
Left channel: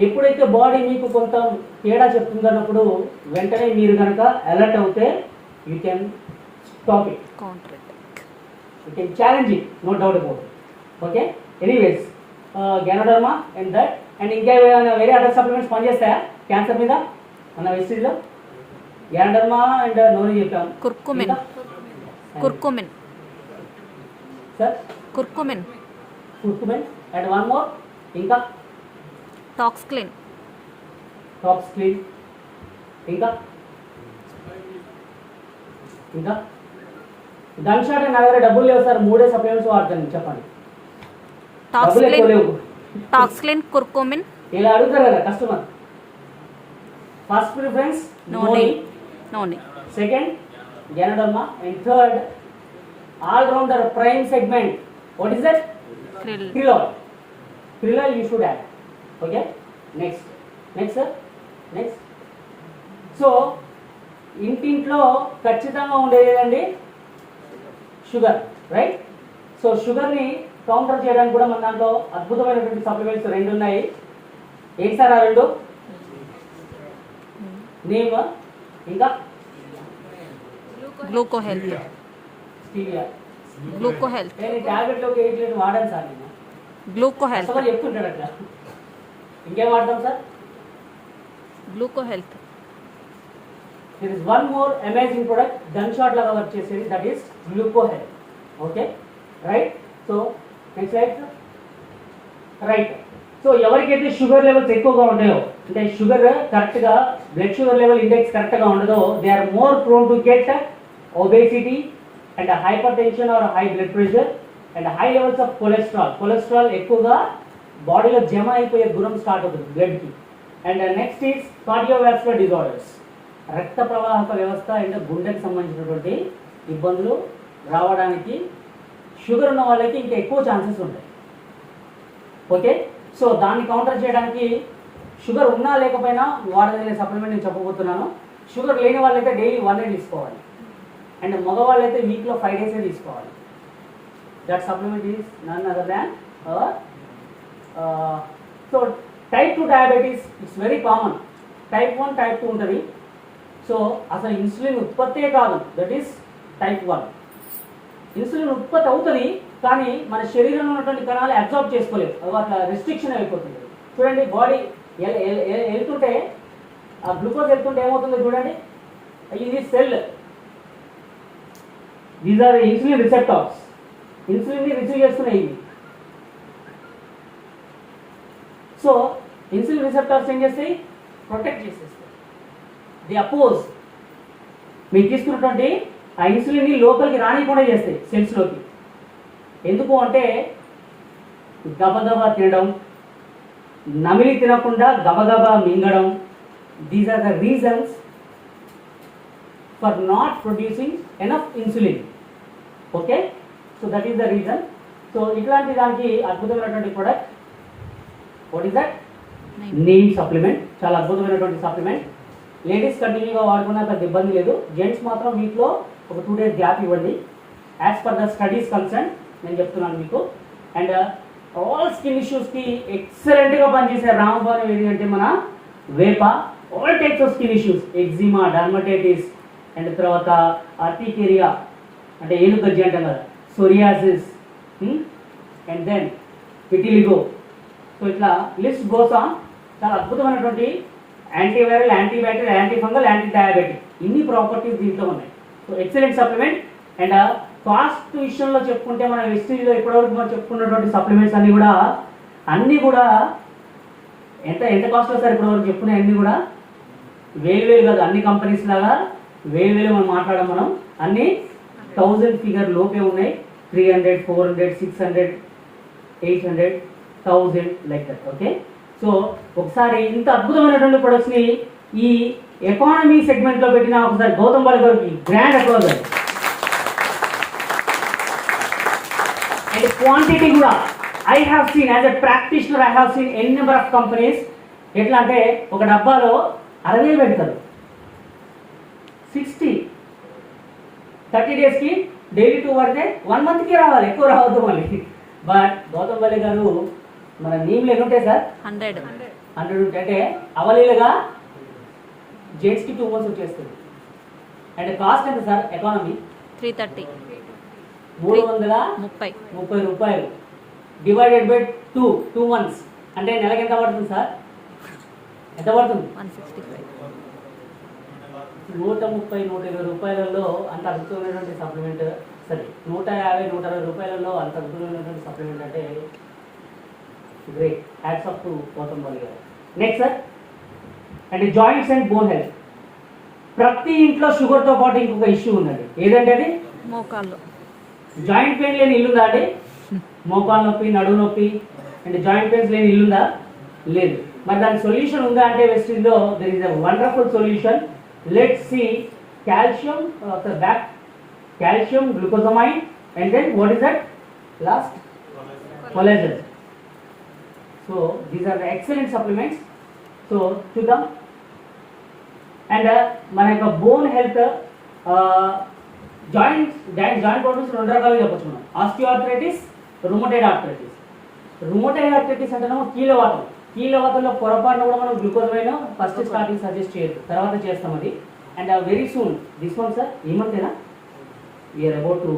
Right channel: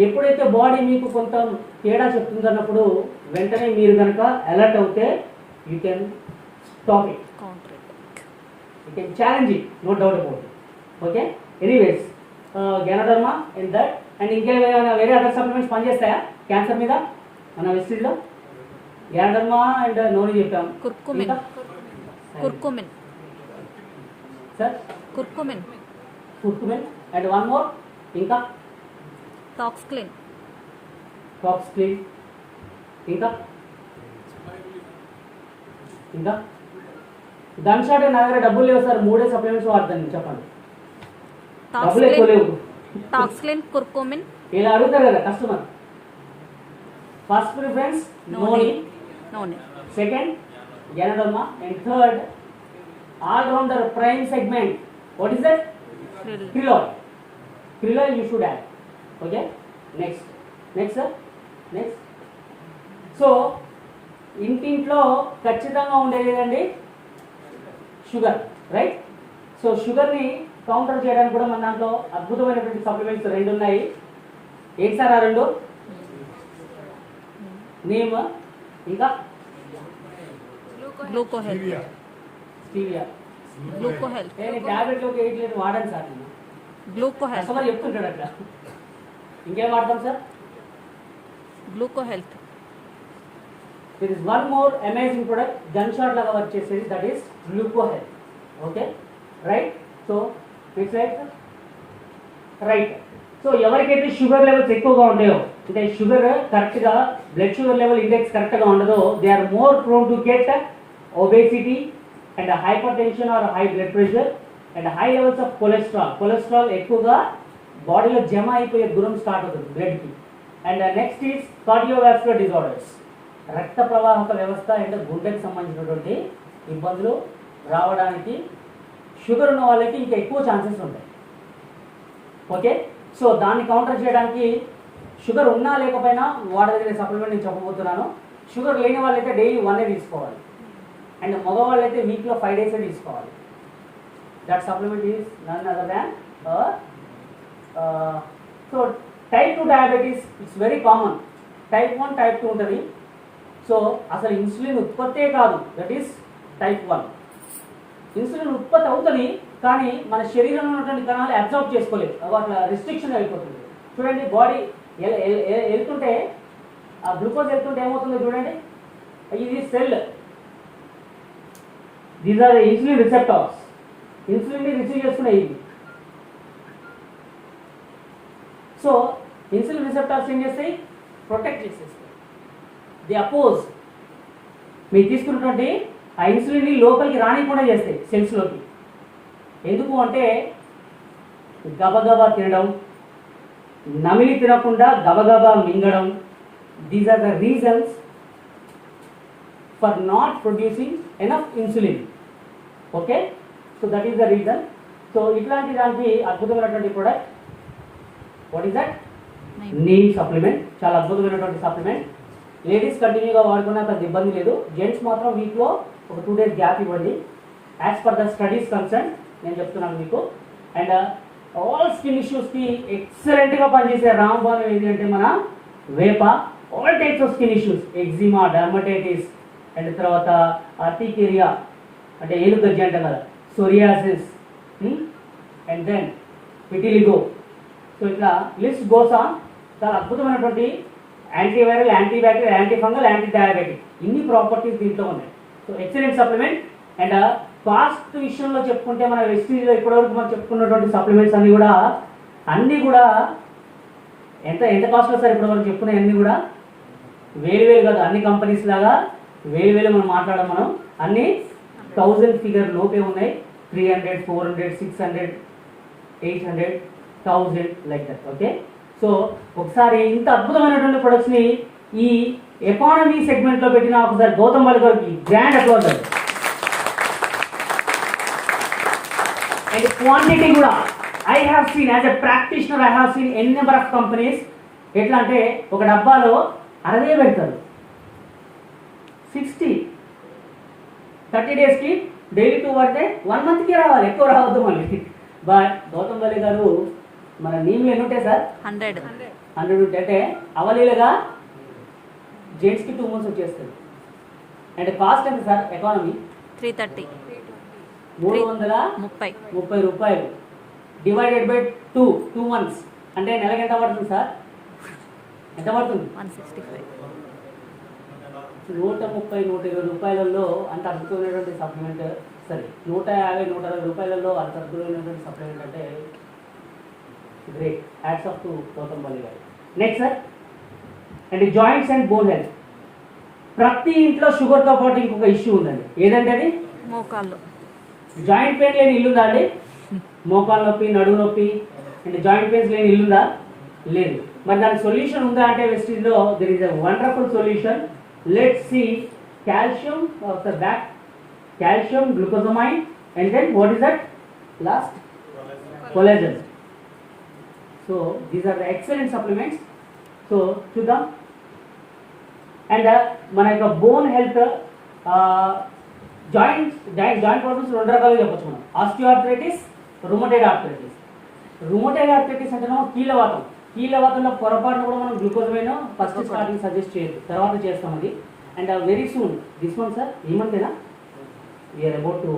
ఎప్పుడైతే బాడీ మీకు కొంత తేడా చెప్తుందన్నప్పుడు వెంటనే మీరు కనుక అలర్ట్ అవుతే you can stop it, you can challenge it, no doubt about. Okay, anyways ganoderma and that and ఇంకా ఏమైనా వేరే అదర్ సప్లిమెంట్స్ పనిచేస్తాయా క్యాన్సర్ మీద? మన హిస్టరీలో గెనోడర్మా అండ్ నోని చెప్పాం. Curcumin curcumin sir, curcumin curcumin and one more, ఇంకా టాక్స్క్లిన్ టాక్స్క్లిన్, ఇంకా ఇంకా గన్ షాట్. నా దగ్గర డబ్బులు లేవు సార్, 3 సప్లిమెంట్స్ వాడతాను, చెప్పండి. డబ్బులు ఎక్కువ లేవు. టాక్స్క్లిన్ కుర్కుమిన్ ఇలా అడుగుతారు కదా customer. First preference noni noni, second ganoderma and third all rounder prime segment. What is that? Krill oil. Krill oil you should have. Okay, next next sir, next. So ఇంటింట్లో ఖచ్చితంగా ఉండేది అండి షుగర్, రైట్? సో షుగర్ని కౌంటర్ చేయడానికి కూడా మన దాంట్లో అద్భుతమైనటువంటి సప్లిమెంట్స్ 2 ఉన్నాయి. ఏంటి సార్ ఆ 2? నేమ్, ఇంకా గ్లూకో హెల్త్. స్టీవియా. గ్లూకో హెల్త్. నేను ట్యాబ్లెట్లోకి 8 లీటర్ వాడాను సార్ నేను. గ్లూకో హెల్త్. కస్టమర్ చెప్తుంటాడు అట్లా. ఇంకేం వాడతాం sir? గ్లూకో health. There is one more amazing product, gunshot laga work chesedi, that is Gluco Health. Okay, right? So next slide sir. Right. So ఎవరికైతే షుగర్ లెవెల్స్ ఎక్కువగా ఉంటాయో, అంటే షుగర్ కరెక్ట్ గా blood sugar level index correct గా ఉండదో, they are more prone to get obesity and hypertension or high blood pressure and high levels of cholesterol. Cholesterol ఎక్కువగా బాడీలో జమ అయిపోయే గుణం స్టార్ట్ అవుతుంది బ్లడ్ కి. And next is cardiovascular disorders, రక్త ప్రవాహక వ్యవస్థ అండ్ గుండెకి సంబంధించినటువంటి ఇబ్బందులు రావడానికి షుగర్ ఉన్న వాళ్ళకి ఇంకా ఎక్కువ ఛాన్సెస్ ఉంటాయి. ఓకే, సో దాన్ని కౌంటర్ చేయడానికి షుగర్ ఉన్నా లేకపోయినా వాడగలిగే సప్లిమెంట్ నేను చెప్పబోతున్నాను. షుగర్ లేని వాళ్ళైతే డైలీ 1 తీసుకోవాలి, అండ్ మగవాళ్ళు అయితే వీక్లో 5 days తీసుకోవాలి. That supplement is none other than so type 2 diabetes it's very common. Type 1, type 2 ఉంటుంది. సో అసలు ఇన్సులిన్ ఉత్పత్తే కాదు, దట్ ఈస్ టైప్ 1. ఇన్సులిన్ ఉత్పత్తి అవుతుంది కానీ మన శరీరంలో ఉన్నటువంటి కణాలు అబ్జర్వ్ చేసుకోలేదు, అట్లా రిస్ట్రిక్షన్ అయిపోతుంది. చూడండి బాడీ వెళ్తుంటే ఆ గ్లూకోజ్ వెళ్తుంటే ఏమవుతుందో చూడండి, ఇది cell, these are insulin receptors, insulin ని రిసీవ్ చేస్తున్నాయి ఇవి. సో ఇన్సులిన్ రిసెప్టార్స్ ఏం చేస్తాయి, ప్రొటెక్ట్ చేసేస్తాయి, ది అపోజ్. మీరు తీసుకున్నటువంటి ఆ ఇన్సులిన్ ని లోపలికి రానికుండా చేస్తాయి సెల్స్ లోకి. ఎందుకు అంటే గబగబా తినడం, నమిలి తినకుండా గబగబా మింగడం, these are the reasons for not producing enough insulin. Okay, so that is the reason. So ఇట్లాంటి దానికి అద్భుతమైనటువంటి product, what is that, neem supplement. చాలా అద్భుతమైనటువంటి సప్లిమెంట్. లేడీస్ కంటిన్యూగా వాడుకునే పెద్ద ఇబ్బంది లేదు, జెంట్స్ మాత్రం వీక్లో ఒక 2 days గ్యాప్ ఇవ్వండి. As per the studies concern నేను చెప్తున్నాను మీకు. అండ్ ఆల్ స్కిన్ ఇష్యూస్కి ఎక్సలెంట్గా పనిచేసే రామబాణం ఏది అంటే మన వేప. All types of skin issues, eczema, dermatitis, and తర్వాత ఆర్టికేరియా అంటే ఏలుగజ్జి అంటాం కదా, psoriasis, and then vitiligo. So ఇట్లా లిస్ట్ గోస్ ఆన్. చాలా అద్భుతమైనటువంటి antiviral, antibacterial, antifungal, antidiabetic, ఇన్ని ప్రాపర్టీస్ దీంట్లో ఉన్నాయి. So excellent supplement. And cost విషయంలో చెప్పుకుంటే మన వెస్టీజ్లో ఇప్పటివరకు మనం చెప్పుకున్నటువంటి సప్లిమెంట్స్ అన్నీ కూడా ఎంత ఎంత కాస్ట్ వస్తారు ఇప్పటివరకు చెప్పుకునే అన్నీ కూడా వేలు కాదు, అన్ని కంపెనీస్ లాగా వేలు మనం మాట్లాడడం. మనం అన్ని 1000 ఫిగర్ లోపే ఉన్నాయి. 300, 400, 600, 800, 1000 లైక్ దట్. ఓకే, సో ఒకసారి ఇంత అద్భుతమైనటువంటి ప్రొడక్ట్స్ని ఈ ఎకానమీ సెగ్మెంట్లో పెట్టిన ఒకసారి గౌతమ్ బాలి గారికి గ్రాండ్ అప్లాజ్. అండ్ క్వాంటిటీ కూడా I have seen as a practitioner, I have seen n number of companies. ఎట్లా అంటే ఒక డబ్బాలో అదే పెడతారు, 30 daysకి డైలీ 2 పడితే 1 monthకి రావాలి, ఎక్కువ రావద్దు మళ్ళీ. బట్ గౌతమ్ బాలి గారు మన నీళ్ళు ఎన్ని ఉంటాయి సార్, 100 ఉంటాయి. అంటే అవలీలుగా జెంట్స్కి 2 months వచ్చేస్తుంది. అండ్ కాస్ట్ ఎంత సార్ ఎకానమీ, 330 330 రూపాయలు డివైడెడ్ బై 2 months అంటే నెలకి ఎంత పడుతుంది సార్, ఎంత పడుతుంది, 165. 130-120 రూపాయలలో అంత అద్భుతమైనటువంటి సప్లిమెంట్. సరే 150-160 రూపాయలలో అంత అద్భుతమైనటువంటి సప్లిమెంట్ అంటే great. Hats off to Gautam Bali గారు. Next sir, and joints and bone health. ప్రతి ఇంట్లో షుగర్తో పాటు ఇంకొక ఇష్యూ ఉందండి, ఏదంటే అది మోకాళ్ళు. జాయింట్ పెయిన్ లేని ఇల్లు ఉందా అండి, మోకాలు నొప్పి, నడుము నొప్పి, అండ్ జాయింట్ పెయిన్స్ లేని ఇల్లు ఉందా, లేదు. మరి దానికి సొల్యూషన్ ఉందా అంటే వెస్టీజ్లో there is a wonderful solution. Let's see calcium, that calcium, glucosamine, and then what is that last, collagen. So these are the excellent supplements. So చూద్దాం. అండ్ మన యొక్క బోన్ హెల్త్, జాయింట్ ప్రాబ్లమ్స్ 2 రకాలుగా చెప్పచ్చు మనం, osteoarthritis, rheumatoid arthritis. Rheumatoid arthritis అంటేనో కీళ్ళవాతంలో పొరపాటున కూడా మనం గ్లూకోజమైన్ ఫస్ట్ స్టార్టింగ్ సజెస్ట్ చేయదు, తర్వాత చేస్తాం అది. And very soon this one sir, ఏమంటేనా we are about to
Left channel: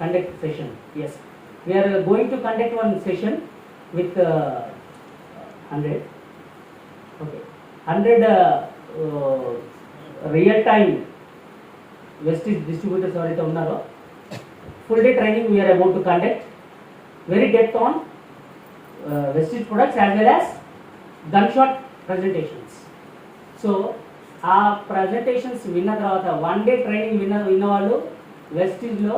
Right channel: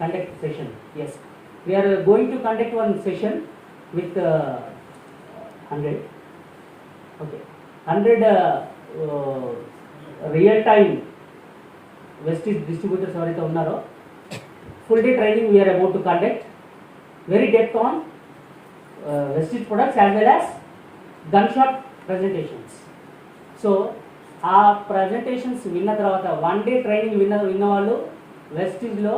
conduct session. Yes, we are going to conduct one session with 100. Okay, 100 real time Vestige distributors ఎవరైతే ఉన్నారో full day training we are about to conduct, very depth on Vestige products as well as gun shot presentations. So ఆ ప్రజెంటేషన్స్ విన్న తర్వాత 1 day ట్రైనింగ్ విన్న వాళ్ళు వెస్టీజ్లో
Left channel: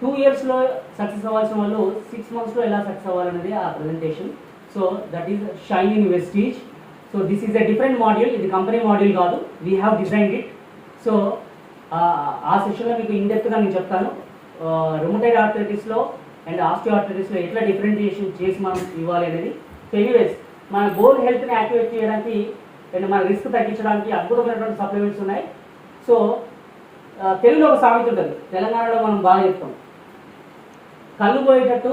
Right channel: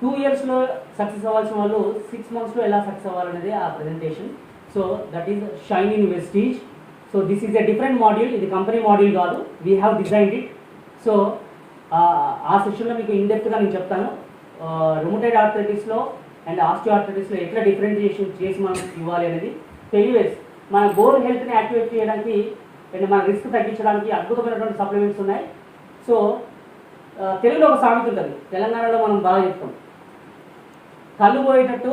2 yearsలో సక్సెస్ అవ్వాల్సిన వాళ్ళు 6 monthsలో ఎలా సక్సెస్ అవ్వాలనేది ఆ presentation. So that is shine in Vestige. So this is a different module, ఇది కంపెనీ మాడ్యూల్ కాదు, we have designed it. So ఆ సెషన్లో మీకు ఇండెప్త్గా నేను చెప్తాను రుమటైడ్ ఆర్థరైటిస్లో అండ్ ఆస్టియోఆర్థరైటిస్లో ఎట్లా డిఫరెన్షియేషన్ చేసి మనం ఇవ్వాలి అనేది. సో ఎనీవేస్, మన బోన్ హెల్త్ని యాక్టివేట్ చేయడానికి అండ్ మన రిస్క్ తగ్గించడానికి అద్భుతమైనటువంటి సప్లిమెంట్స్ ఉన్నాయి. సో తెలుగులో ఒక సామెత ఉంటుంది, తెలంగాణలో మనం బాగా చెప్తాం, కళ్ళు పోయేటట్టు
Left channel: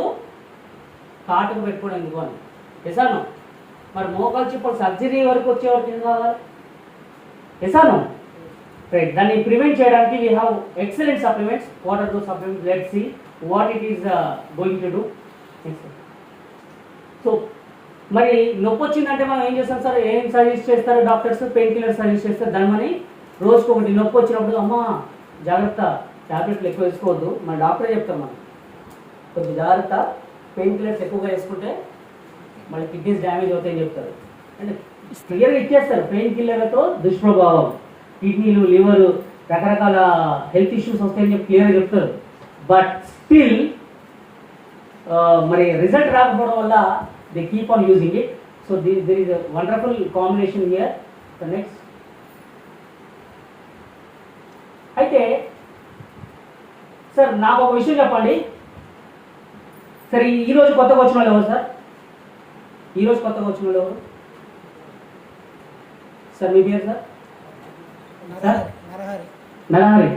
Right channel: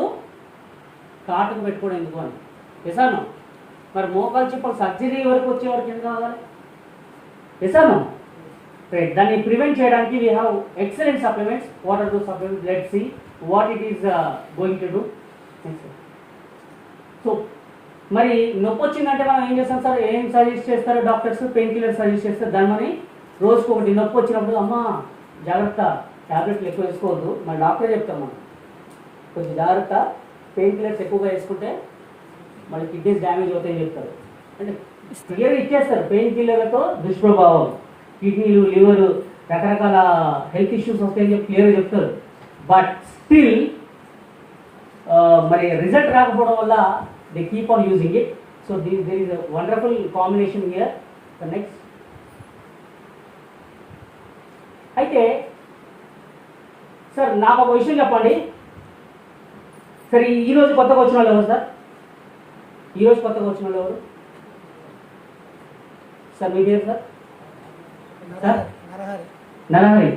కాటుకు పెట్టుకోవడం ఎందుకు అని. ఎసాను మరి మోకాలు చిప్పలు సర్జరీ వరకు వచ్చే వరకు ఎందుకు కావాలి? ఎసాను రైట్. దాన్ని ప్రివెంట్ చేయడానికి we have excellent supplements. What are those supplements? Let's see what it is going to do. So మరి నొప్పి వచ్చిందంటే మనం ఏం చేస్తాం సార్? ఏం సజెస్ట్ చేస్తారు డాక్టర్స్? పెయిన్ కిల్లర్ సజెస్ట్ చేస్తారు. దాని మరి రోజుకి ఒకటి నొప్పి వచ్చినప్పుడు అమ్మ జాగ్రత్త, టాబ్లెట్లు ఎక్కువ వేసుకోవద్దు, మన డాక్టర్ చెప్తాం మనం కొంచెం జాగ్రత్త, పెయిన్ కిల్లర్స్ ఎక్కువగా వేసుకుంటే మన కిడ్నీస్ డ్యామేజ్ అవుతాయని చెప్తారు. అంటే క్లియర్గా ఇచ్చేస్తారు పెయిన్ కిల్లర్లతో దుష్ప్రభావం, కిడ్నీలు, లివర్, రకరకాల హెల్త్ ఇష్యూస్ వస్తాయని చెప్పి క్లియర్గా చెప్తారు. బట్ స్టిల్ మరి రిజల్ట్ రాకపోవడం వల్ల they keep on using it. So there is a wonderful combination here. The next. అయితే సార్ నాకు ఒక విషయం చెప్పండి. సరే ఈరోజు కొత్తగా వచ్చిన వాళ్ళు ఎవరు సార్? ఈరోజు కొత్తగా వచ్చిన వాళ్ళు ఎవరు సార్? మీ పేరు సార్? నరహరి.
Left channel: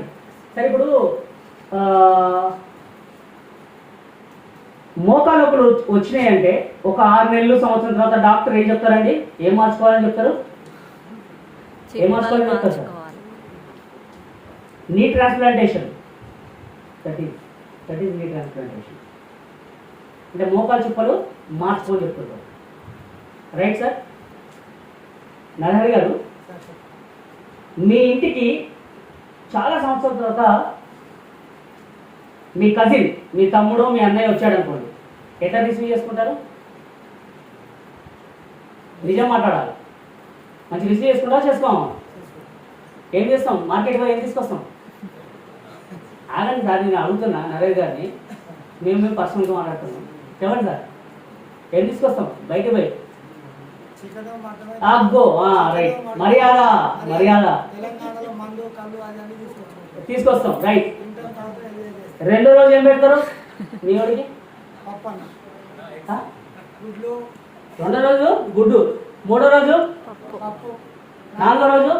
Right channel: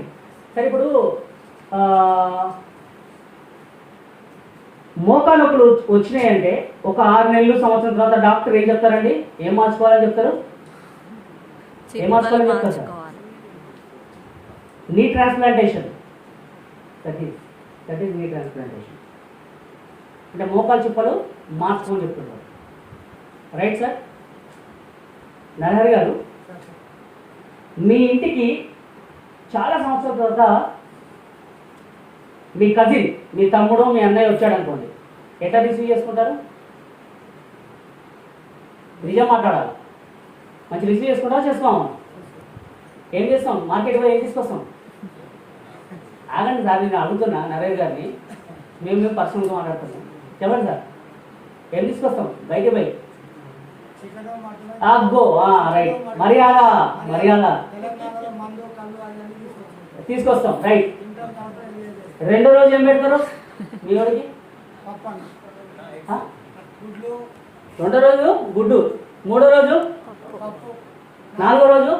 సరే ఇప్పుడు మోకాలు ఒకరు వచ్చినాయంటే ఒక 6 నెలలు సంవత్సరం తర్వాత డాక్టర్ ఏం చెప్తారండి? ఏం మార్చుకోవాలని చెప్తారు? ఏం మార్చుకోవాలని చెప్తారు సార్? నీ ట్రాన్స్ప్లాంటేషన్. దట్ ఈస్ నీ ట్రాన్స్ప్లాంటేషన్ అంటే మోకాలు చిప్పలు మార్చుకోని చెప్తున్నారు. Right sir? నరహరి గారు, మీ ఇంటికి చాలా సంవత్సరాల తర్వాత మీ కజిన్, మీ తమ్ముడు, మీ అన్నయ్య వచ్చాడు అనుకోండి, ఎట్లా రిసీవ్ చేసుకుంటారు? నిజం మాట్లాడాలి. మంచి రిసీవ్ చేసుకుంటారా? చేసుకోము. ఏం చేస్తాం? మార్కెట్లో ఏం తీసుకొస్తాం? ఆగండి సార్, నేను అడుగుతున్నా నరేష్ గారిని, మేము పర్సనల్గా మాట్లాడుతున్నాం. చెప్పండి సార్, ఏం తీసుకొస్తాం? బయట అబ్బో రైట్, మర్యాద తీసుకొస్తాం. రైట్. రెండో రోజు ఏం పెడతారు మీ వాడికి? రెండో రోజు గుడ్డు, మూడో రోజు, నాలుగో రోజు,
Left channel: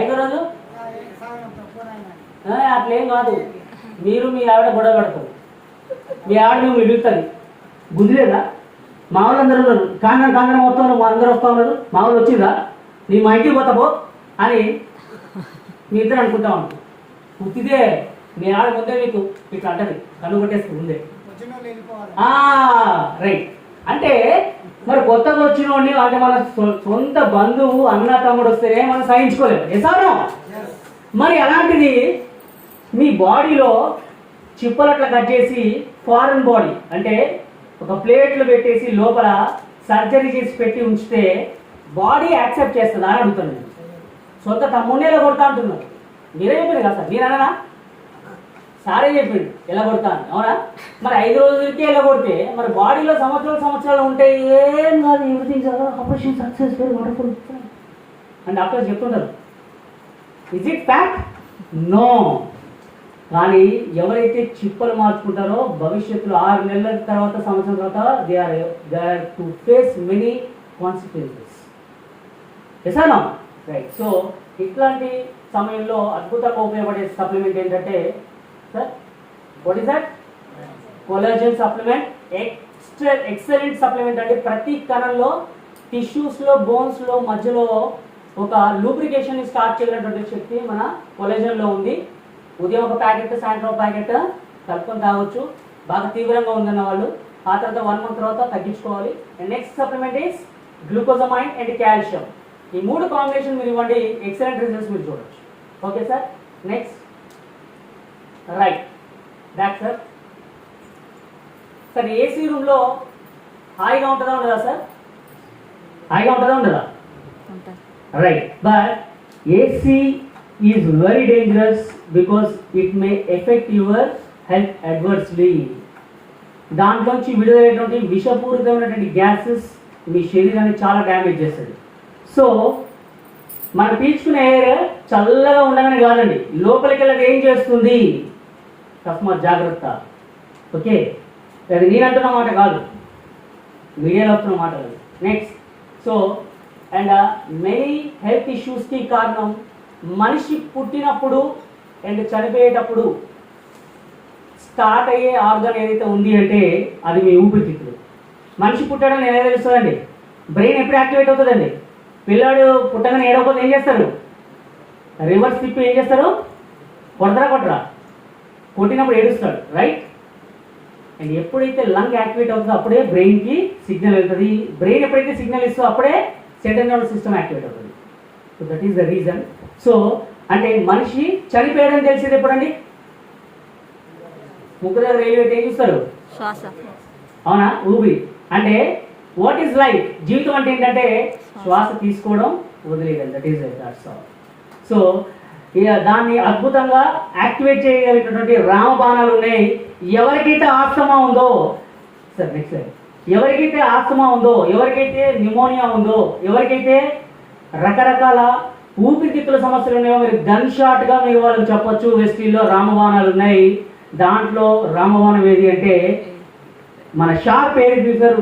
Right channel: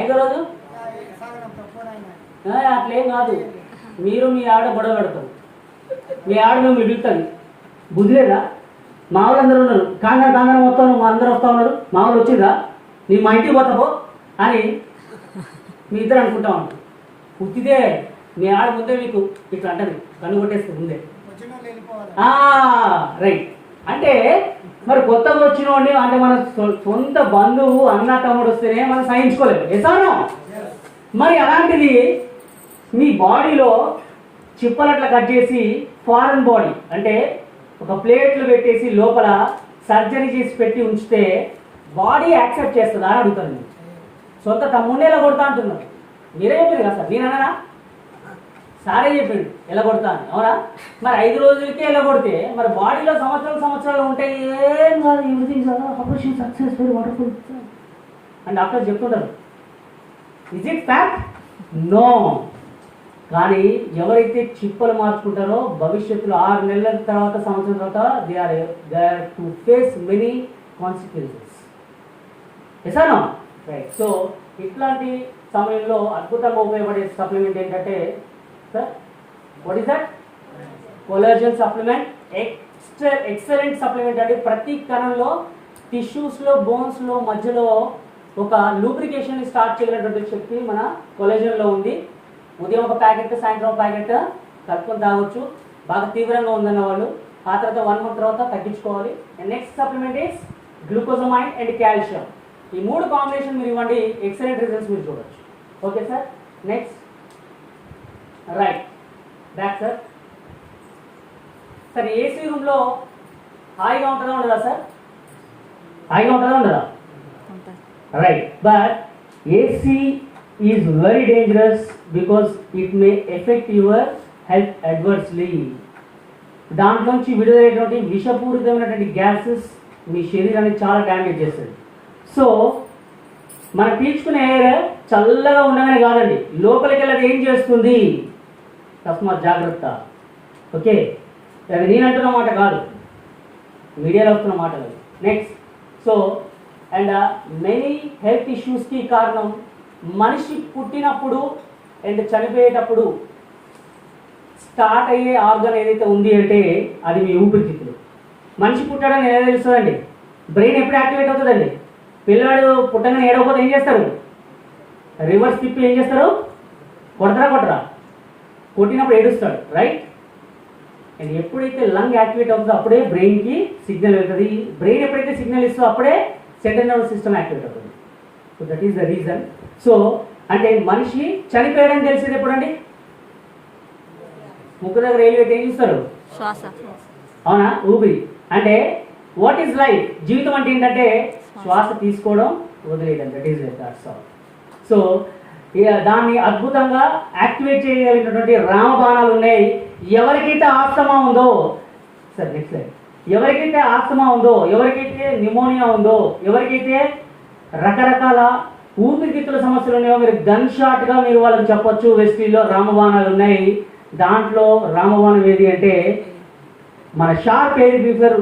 ఐదో రోజు అట్లేం కాదు. మీరు మీ ఆవిడ గొడవ పడతారు, మీ ఆవిడ నువ్వు మిగులుతుంది. బుద్ధి లేదా? మా వాళ్ళు అందరూ ఉన్నారు, కాంగన మొత్తం అందరూ వస్తూ ఉన్నారు, మా వాళ్ళు వచ్చిందా నీ మా ఇంటికి పోతావో అని మీ ఇద్దరు అనుకుంటాం అనుకో. పుట్టిదే మీ ఆవిడ ముందే మీకు మీకు అంటది, కన్ను కొట్టేస్తుంది ముందే. రైట్. అంటే మరి కొత్తగా వచ్చిన వాడిని, అంటే మన సొంత బంధువు, అన్న తమ్ముడు వస్తేనే మనం సహించుకోలేదు. ఎసానో మరి అలాంటిది మీ బాడీలో చిప్పలట్లా కట్ చేసి ఫారెన్ బాడీ అంటే ఒక ప్లేట్లు పెట్టేసి లోపల సర్జరీ చేసి పెట్టి ఉంచితే బాడీ యాక్సెప్ట్ చేస్తుంది అని అడుగుతాను. సొంత తమ్ముడిని ఎలా కొడతా అంటున్నారు? మీరే చెప్పారు కదా సార్, నేనన్నా సారే చెప్పిండు ఎలా కొడతాను, అవునా? మరి 5 రోజులకి ఎలా కొడితే మరి బాడీలో సంవత్సరాలు ఉంటే ఏం కాదు, everything operation success, very wonderful అని డాక్టర్స్ చెప్తుంటారు. Is it fact? నో. కానీ ఎవరైతే చిప్పలు మార్చుకుంటారో భవిష్యత్తులో 6 నెలల తర్వాత, సంవత్సరం తర్వాత they are to face many consequences. ఎసానో రైట్. సో ఇట్లాంటి సమయంలో అద్భుతంగా ఉపయోగపడే సప్లిమెంట్ ఏంటంటే sir, what is that? Collagen supplement. Excellent supplement అంటే ప్రతి కణంలో, టిష్యూస్లో, బోన్స్లో మధ్యలో ఒక లూబ్రికేషన్ స్టార్ట్ చేయగలిగినటువంటి శక్తి మన కొలాజన్లో ఉంది. ఉదయం ఒక ప్యాకెట్, సాయంత్రం ఒక ప్యాకెట్ కలుపుకొని తాగొచ్చు. బాగా తీవ్రంగా ఉందన్న వాళ్ళు ఆ తర్వాత 1 month తర్వాత తగ్గించుకోవాలి. And next supplement is glucosamine and calcium. ఈ 3 కాంబినేషన్ మీరు ఇవ్వండి, ఎక్సలెంట్ రిజల్ట్స్ మీరు చూడొచ్చు. Okay sir? Next right back sir. Sir AC రూమ్లో హాయిగా ఉంటుందా ఉండదా సార్? హాయిగా ఉంటుందా ఉండదా? Right. But AC is very dangerous because it may affect your health adversely. దాంట్లోంచి విడుదలయ్యేటువంటి విషపూరితమైనటువంటి గ్యాసెస్ మీ శరీరాన్ని చాలా డ్యామేజ్ చేస్తుంది. సో మనం పీల్చుకునే ఎయిర్ చల్లగా ఉండగానే కాదండి, లోపలికి వెళ్ళి ఏం చేస్తుంది? తస్మాత్ జాగ్రత్త. ఓకే, అది నేను అంటున్న మాట కాదు, మీడియాలో వస్తున్న మాట కాదు. Next, so and many health ఇష్యూస్కి కారణం మనిషి పుట్టినప్పుడు అండ్ చనిపోయేటప్పుడు స్టార్ట్ అయ్యే ఆర్గన్ ఏదైతే ఉంది అంటే అది మీ ఊపిరితిత్తులు. మనిషి పుట్టడానికి ఎలా తెలుస్తుందండి? బ్రెయిన్ ఎప్పుడు యాక్టివేట్ అవుతుందండి? పిల్లాడు పుట్టగానే ఏడవకపోతే ఏం చేస్తారు? రివర్స్ తిప్పి ఏం చేస్తారు? కొట్టరా? కొట్టినప్పుడు ఏడుస్తాడు, రైట్? అండ్ ఎప్పుడైతే లంగ్ యాక్టివేట్ అవుతుందో అప్పుడే బ్రెయిన్కి సిగ్నల్ వెళ్తుంది. బ్రెయిన్ ఎప్పుడైతే సిగ్నల్ ఇస్తుందో అప్పుడే సెంట్రల్ నర్వస్ సిస్టమ్ యాక్టివేట్ అవుతుంది. So that is the reason. So అంటే మనిషి చనిపోయాడని తెలిసేది ఎప్పుడండి? ముక్కు దగ్గర రైలు పెట్టి ఏం చూస్తారు? శ్వాస. అవునా? ఊపిరి. అంటే వాట్ ఈస్ లైఫ్? జీవితం అంటే ఏంటంటే శ్వాస తీసుకోవడం, వదిలేయడం. That is that's all. So దాన్ని అద్భుతంగా యాక్టివేట్ చేయగలిగినటువంటి రామబాణాలు ఉన్నాయి. ఎవరికైతే ఆస్తమా ఉందో, సార్ నెక్స్ట్ స్లైడ్, ఎవరికైతే ఆస్తమా ఉందో, ఎవరికైతే న్యూమోనియా ఉందో, ఎవరికైతే రకరకాల ఊపిరితిత్తుల సమస్యలు ఉన్నాయో మీరు గన్ షాట్ గా మీరు వాళ్ళకి చెప్పొచ్చు వెస్టీల్లో రామబాణాలు ఉన్నాయి. దాంట్లో రామబాణం ఏది అంటే మన sharp air purifier.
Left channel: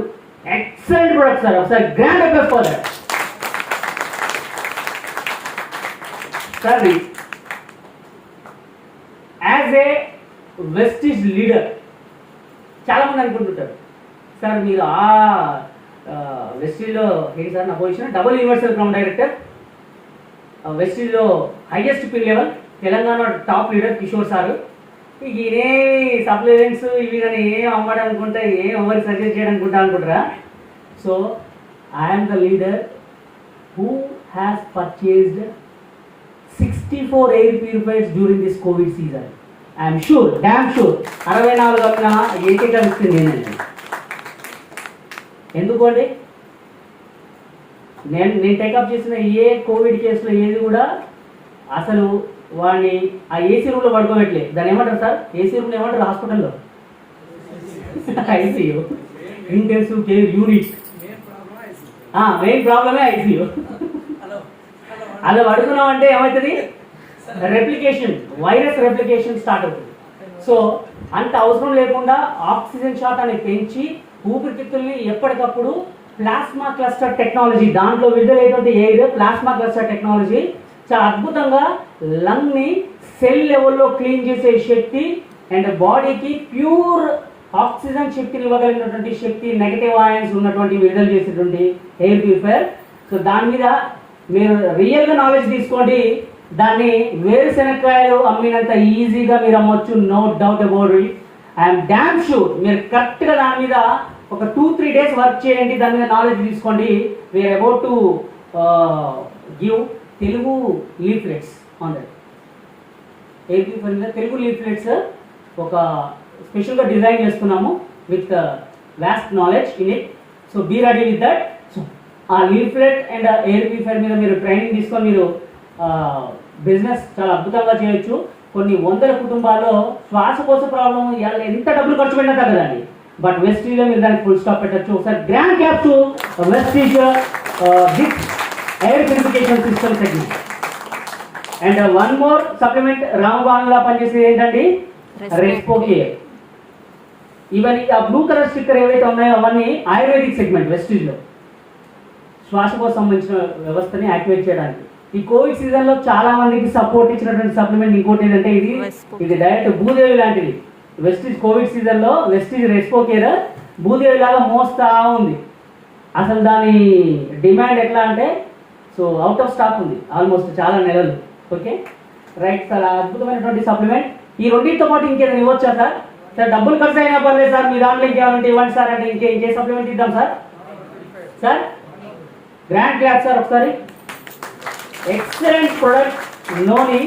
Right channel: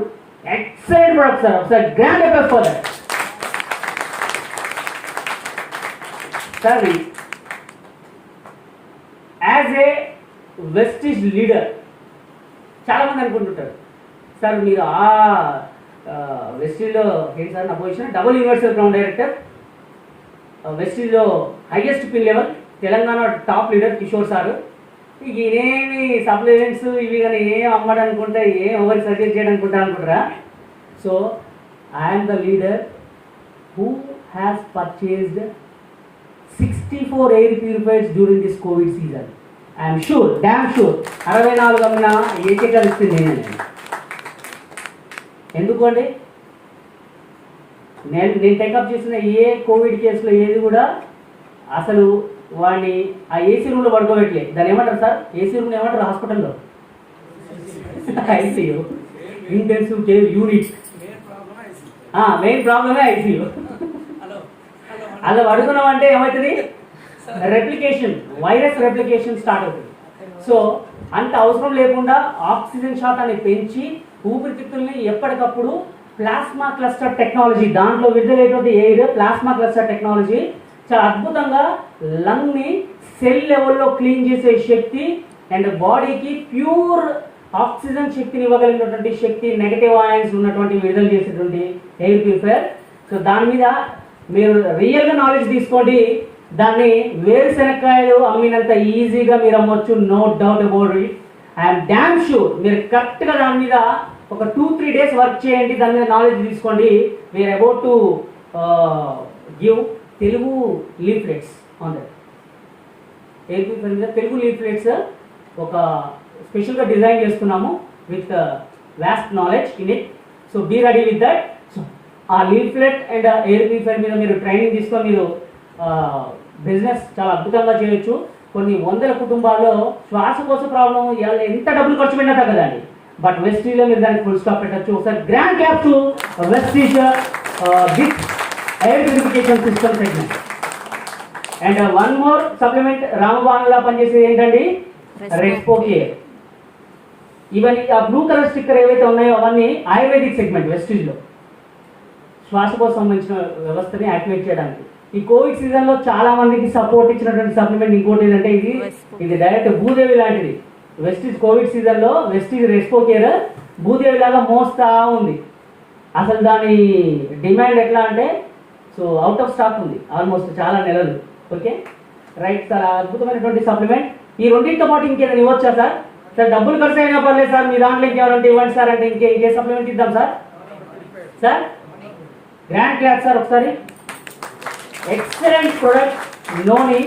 Excellent product sir. ఒకసారి grand applause for that. Sir as a Vestige leader చాలా మంది అనుకుంటుంటారు, సార్ మీరు ఆ వెస్టీజ్లో ఏంటి సార్ నా position? Double universal ground director, వెస్టీజ్లో highest pin level, Telangana top leader Kishore sir. ఇక ఏమి సప్లిమెంట్స్ ఇవి కానీ ఏం అమ్మడనుకుంటా, ఏం ఎవరికి సజెస్ట్ చేయడనుకుంటా అనుకుంటారా? So I'm the leader who has purchased 64 air purifiers during this Covid season. I'm sure, damn sure 64 అమ్మిన ఏకైక వ్యక్తి నేనండి. ఎందుకు అండి? నేను టేకప్ చేసిన ఏ కోవిడ్ కేసులో ఏది కూడా అసలు వాడిని ఆ ఏసీ రూమ్లో పడుకోబెట్టలేదు. దాన్ని ఏమంటారు సార్? ఏసీ రూమ్లో ఏమంటారు హాస్పిటల్లో? ICU, intensive care unit. Main ప్రాబ్లమే ఐసీయూ. అలా పడుకున్నాం అంటే ఏమవుతుంది? రెప్లికేషన్, వైరస్ రెప్లికేషన్ స్టార్ట్ అవుతుంది. సో అంత అవసరం లేకుండా ఆక్సిజన్ షాట్ అనేది పెంచి ఊపిరితిత్తుల్ని ఎప్పటికప్పుడు ప్లాస్మా క్లస్టర్ టెక్నాలజీ, దాంట్లో విడుదలైనటువంటి ఎయిర్ ప్లాస్మా క్లస్టర్ టెక్నాలజీ చాలా అద్భుతంగా లంగ్ ని సెల్ లెవెల్లో క్లీన్ చేసే శక్తి అండ్ బాడీకి ప్యూర్ ఆక్సిజన్ శక్తిని ఇవ్వగలిగినటువంటి శక్తి, నెగటివ్ ఆయన్స్ ఉన్నటువంటి విడుదల చేసేటువంటి ఎయిర్ ప్యూరిఫైయర్. సో దాని మీద మీరు రియల్గా నాలెడ్జ్ తీసుకోండి. దాన్ని వేరుశెనక్కాయలు అమ్మినంత ఈజీగా మీరు అమ్మొచ్చు, no doubt about it. I'm damn sure మీరు కరెక్ట్గా దాని మీద ఒక 2-3 డేస్ వర్క్ చేయండి, దాని మీద నాలెడ్జ్ తీసుకోండి. We are about to give Telugu leaflets on that. AP మీద తెలుగు లీఫ్లెట్స్ ఒక స్పెషల్గా డిజైన్ చేస్తున్నాము with vast knowledge in it. So be ready with that. So ఆ లీఫ్లెట్ అండ్ ఎయిర్ ప్యూరిఫైయర్ మీద మీరు ట్రైనింగ్ తీసుకొని మీరు బిజినెస్ చాలా అద్భుతంగా చేయొచ్చు. కొన్ని వందల కుటుంబాల్లో శ్వాసకోశ ప్రాబ్లం ఎంత డబ్బులు ఖర్చు పెట్టినా తగ్గదండి. బట్ వెస్టీజ్లో మీరు దానికి ఫుల్ స్టాప్ పెట్టచ్చు. ఒకసారి grand clap to Vestige with air purification system segment. And one more supplement రామబాణంగా పనిచేసేది ఏంటండి? Respo care. ఇవన్నీ ఆ బ్లూ కలర్ స్టిక్కర్ ఏవైతే ఉన్నాయో అవన్నీ ఆయుర్వేదిక్ సెగ్మెంట్ వెస్టీజ్లో శ్వాసకోశం సంబంధించిన వ్యవస్థని యాక్టివేట్ చేయడానికి. ఈ కోవిడ్ సీజన్ లో చాలా మందికి సపోర్ట్ ఇచ్చినటువంటి సప్లిమెంట్ ఇంకోటి ఏంటంటే ఇది డైరెక్ట్ భూదేవి లాంటిది. వెస్టీజ్ కోవిడ్ సీజన్ లో వెస్టీజ్ రెస్పో కేర్ భూదేవి లాగా మోస్తా ఉంది. అసలు దాని డిమాండ్ ఎట్లా అంటే సో అవుట్ ఆఫ్ స్టాక్ ఉంది ఆల్మోస్ట్ చాలా నెలలు. ఓకే రైట్ సార్, అద్భుతమైనటువంటి సప్లిమెంట్. ఈ రెండింటితో పాటు ఇంకేదైనా ఇవ్వచ్చా సార్? సార్ డబ్బులు ఖర్చు అయినా పర్లేదు సార్, మీ దాంట్లో ఇంకేమంటే ఇవ్వండి సార్ అంటే ఇంకే సప్లిమెంట్ ఇద్దాం sir. Sir grand clap sir ఒకసారి. Excellent product noni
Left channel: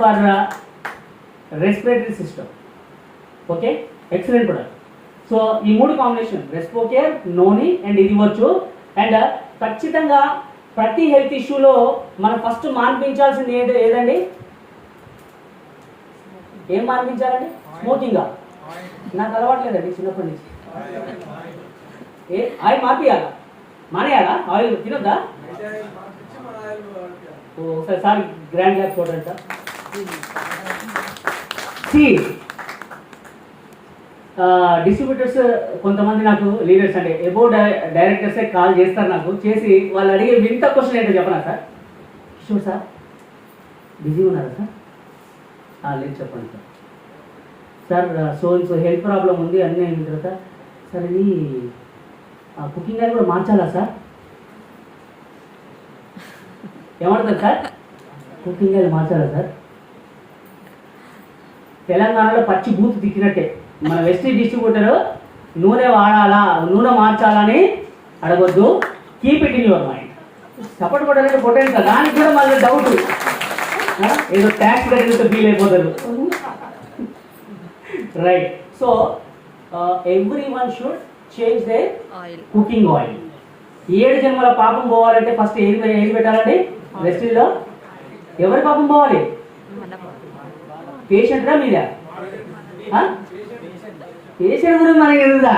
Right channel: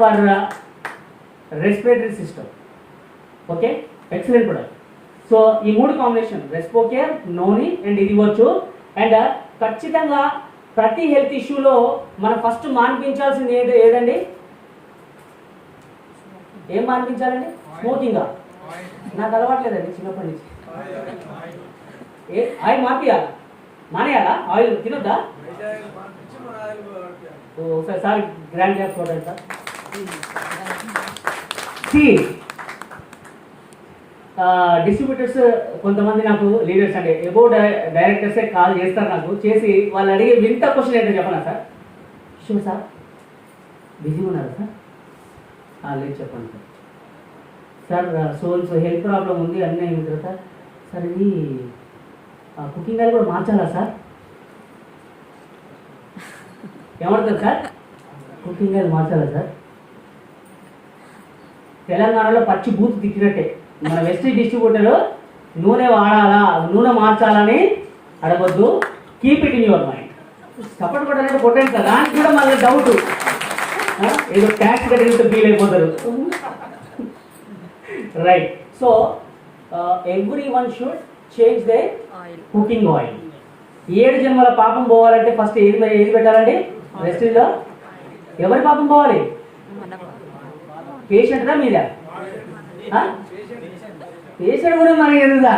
for respiratory system. Okay excellent product. So ఈ మూడు combination respo care, noni and ఇది ఇవ్వచ్చు. అండ్ ఖచ్చితంగా ప్రతి హెల్త్ ఇష్యూలో మనం ఫస్ట్ మాన్పించాల్సింది ఏదండి? ఏం మాన్పించాలండి? స్మోకింగా? నాకు అలవాట్లేదండి చిన్నప్పటి నుంచి. ఆయిల్ మాపియాలా? మానేయాలా? ఆయిల్ తినొద్దా? ఒకసారి సార్ గ్రాండ్ గా చూడండి సార్. డిస్ట్రిబ్యూటర్స్ కొంతమంది నాకు లీడర్స్ అంటే ఎబో డైరెక్టర్సే కాల్ చేస్తారు నాకు, చేసి వాళ్ళు అడిగే వింత క్వశ్చన్ ఏంటో చెప్పనా సార్? షూర్ సార్, బిజీ ఉన్నారా సార్? లేదు చెప్పండి సార్. సో హెల్త్ ప్రాబ్లం ఉంది అన్నీ అయిన తర్వాత సార్ ఇది కుకింగ్ ఆయిల్ కూడా మార్చాలా సార్? ఏమంటారు సార్? కుకింగ్ ఆయిల్ మార్చాలా సార్? తెలంగాణలో పచ్చి బూత్ తిక్కినట్టే. మన వెస్ట్ డిస్ట్రిబ్యూటర్ నూనె వాడాలా, నూనె మార్చాలని అడగొద్దు. Keep it in your mind. Support కొట్టాలంటే కొట్టండి కదా, దానికి కూడా మళ్ళీ డౌట్, ఏదో ట్యాక్స్ కట్టినట్టు ఫీల్ అయిపోతారు. Right. So every one should change they oil. Cooking oil. 7 జన్మల పాపం పోవాలంటే ఫస్ట్ ఏది పెట్టాలండి? వెస్టిల్లో ఎవరి పాపం పోవాలి? మన పేషెంట్గా మీద పేషెంట్ కూడా మనకి ఎదుగుదా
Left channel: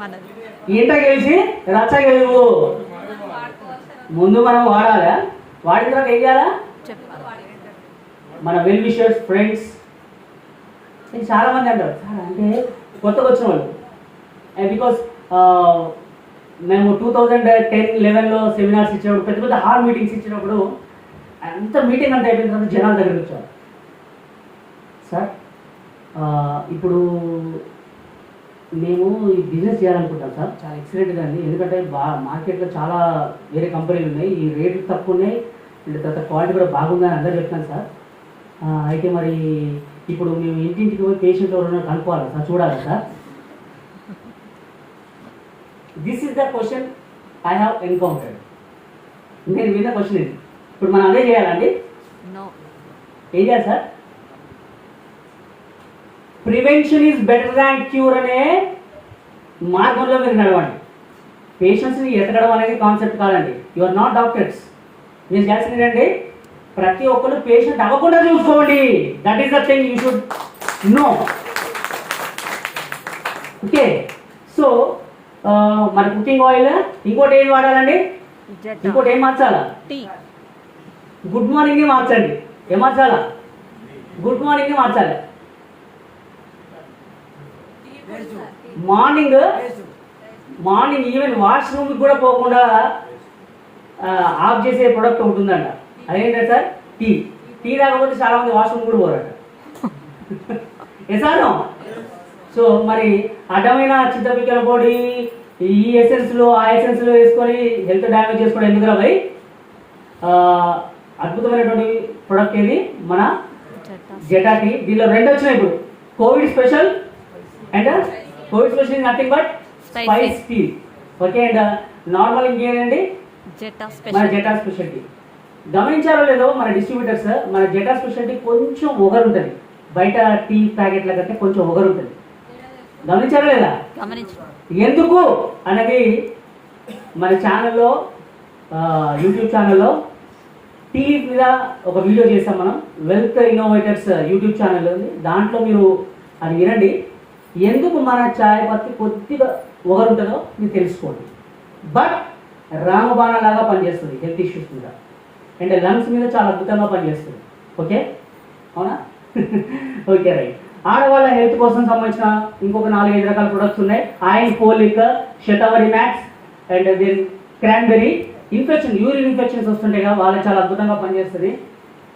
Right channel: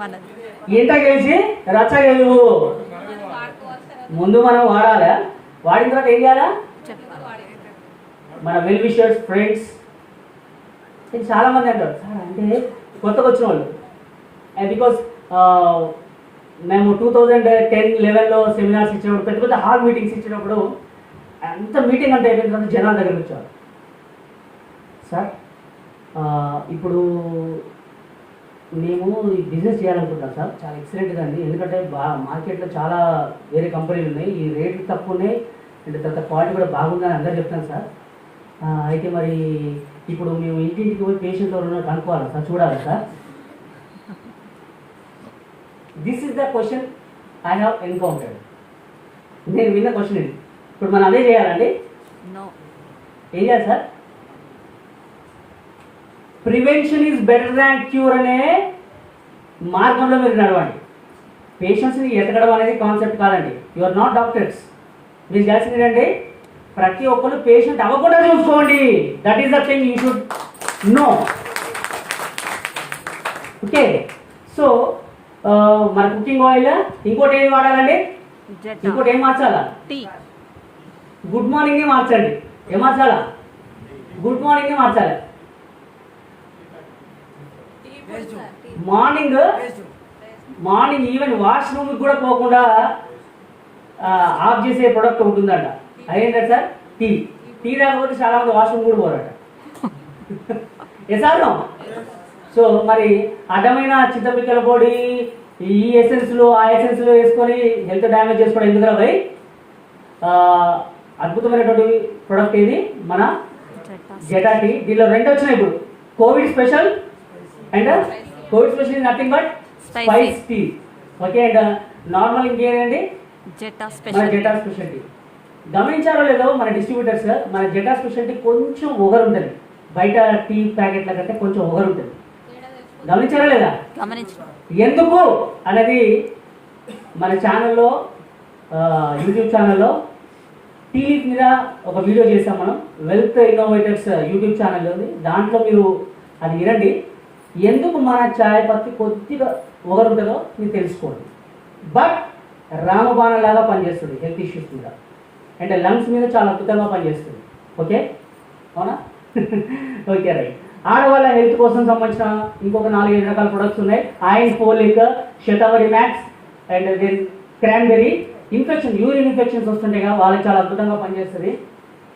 మనది. ఇంట గెలిచి రచ్చ గెలువు. ముందు మనం వాడాలా, వాడిన తర్వాత ఏం చేయాలా? చెప్పాలి. మన వెల్ విషర్స్, ఫ్రెండ్స్, చాలా మంది అంటారు సార్ అంటే కొత్తగా వచ్చిన వాళ్ళు. బికాస్ మేము 2010-11లో సెమినార్స్ ఇచ్చినప్పుడు, పెద్ద పెద్ద హాల్ మీటింగ్స్ ఇచ్చినప్పుడు అంత మీటింగ్ అంటే అయిపోయిన తర్వాత జనాల దగ్గరికి వచ్చారు. సార్ ఇప్పుడు మేము ఈ బిజినెస్ చేయాలనుకుంటాం సార్, చాలా ఎక్సలెంట్గా అండి, ఎందుకంటే మార్కెట్లో చాలా వేరే కంపెనీలు ఉన్నాయి, ఈ రేట్లు తక్కువ ఉన్నాయి, అంటే తర్వాత క్వాలిటీ కూడా బాగుందని అందరూ చెప్తాను సార్. అయితే మరి ఇప్పుడు మేము ఇంటింటికి పోయి పేషెంట్ ఎవరైనా కనుక్కోవాలి సార్, చూడాలి sir. This is the question I have encountered. నేను విన్న క్వశ్చన్ ఇది. ఇప్పుడు మనం అదే చేయాలండి. నో. ఏం చేయాలి sir? Prevention is better than cure అనే మార్గంలో మీరు నడవండి. పేషెంట్స్ని ఎతకడం అనేది కాన్సెప్ట్ కాదండి. You are not doctors. మీరు చేయాల్సింది ఏంటంటే ప్రతి ఒక్కరు పేషెంట్ అవ్వకుండా చూసుకోండి. That is the thing you should know. Okay. So మన కుకింగ్ ఆయిల్ ఇంకోటి ఏం వాడాలండి? జెటా. ఇంకోటి ఏం మార్చాలా? టీ. గుడ్ మార్నింగే మార్చండి. ఏం మార్చాలా? గుడ్ మార్నింగే మార్చాలి. మార్నింగ్ ఈవెన్ వాష్రూమ్ కూడా పోకుండా ఆఫ్ చేసే ప్రొడక్ట్ ఉంటుందంట. అదేంటంటే సార్ టీ రాకపోతే చాలా మంది వాష్రూమ్ కూడా పోరట. ఎసాను. సో మరి అడ్డమైన చింతపిక్కల పొడి ఈ ఎసెన్స్లో ఆ ఎసెన్స్లో వేసుకొని హెల్త్ డ్యామేజ్ చేసుకోవడం ఎందుకురా భయ్? అద్భుతమైనటువంటి ప్రొడక్ట్ ఇది మన జెటా టీ. దీనిలో 2 వచ్చినాయి ఇప్పుడు, covid special and covid special is nothing but spice tea. Okay. And normal ఇంకేంటండి? జెటా మన స్పెషల్. Zeta speciality. గమనించారో లేదో మన డిస్ట్రిబ్యూటర్స్, మన జెటా స్పెషాలిటీ కొంచెం ఒగరు ఉంటుంది, బయట టీ ప్యాకెట్ల కంటే కొంచెం ఒగరు ఉంటుంది. గమనించారా లేదా? గమనించు. ఎందుకు అనేది మన ఛానల్లో, యూట్యూబ్ ఛానల్లో టీ లీఫ్ మీద ఒక వీడియో చేస్తాం మనం, వెల్త్ ఇన్నోవేటర్స్ యూట్యూబ్ ఛానల్లో ఉంది. దాంట్లో మీరు అది వినండి. ఎందుకు మన చాయ్ పత్తి కొద్దిగా ఒగరు ఉంటుందో మీరు తెలుసుకోండి. బట్ రామబాణలాగా పనిచేస్తుంది హెల్త్ ఇష్యూస్ మీద, అండ్ లంగ్స్ మీద చాలా అద్భుతంగా పనిచేస్తుంది. ఓకే, అవునా? Okay, right. ఆడవాళ్ళ హెల్త్ కోసం సంబంధించిన ఇంకొక 4-5 రకాల ప్రొడక్ట్స్ ఉన్నాయి. Iron, folic, Shatavari max and then cranberry. Infection, urine infections వస్తుంటాయి కదా, వాళ్ళకి చాలా అద్భుతంగా పనిచేస్తుంది.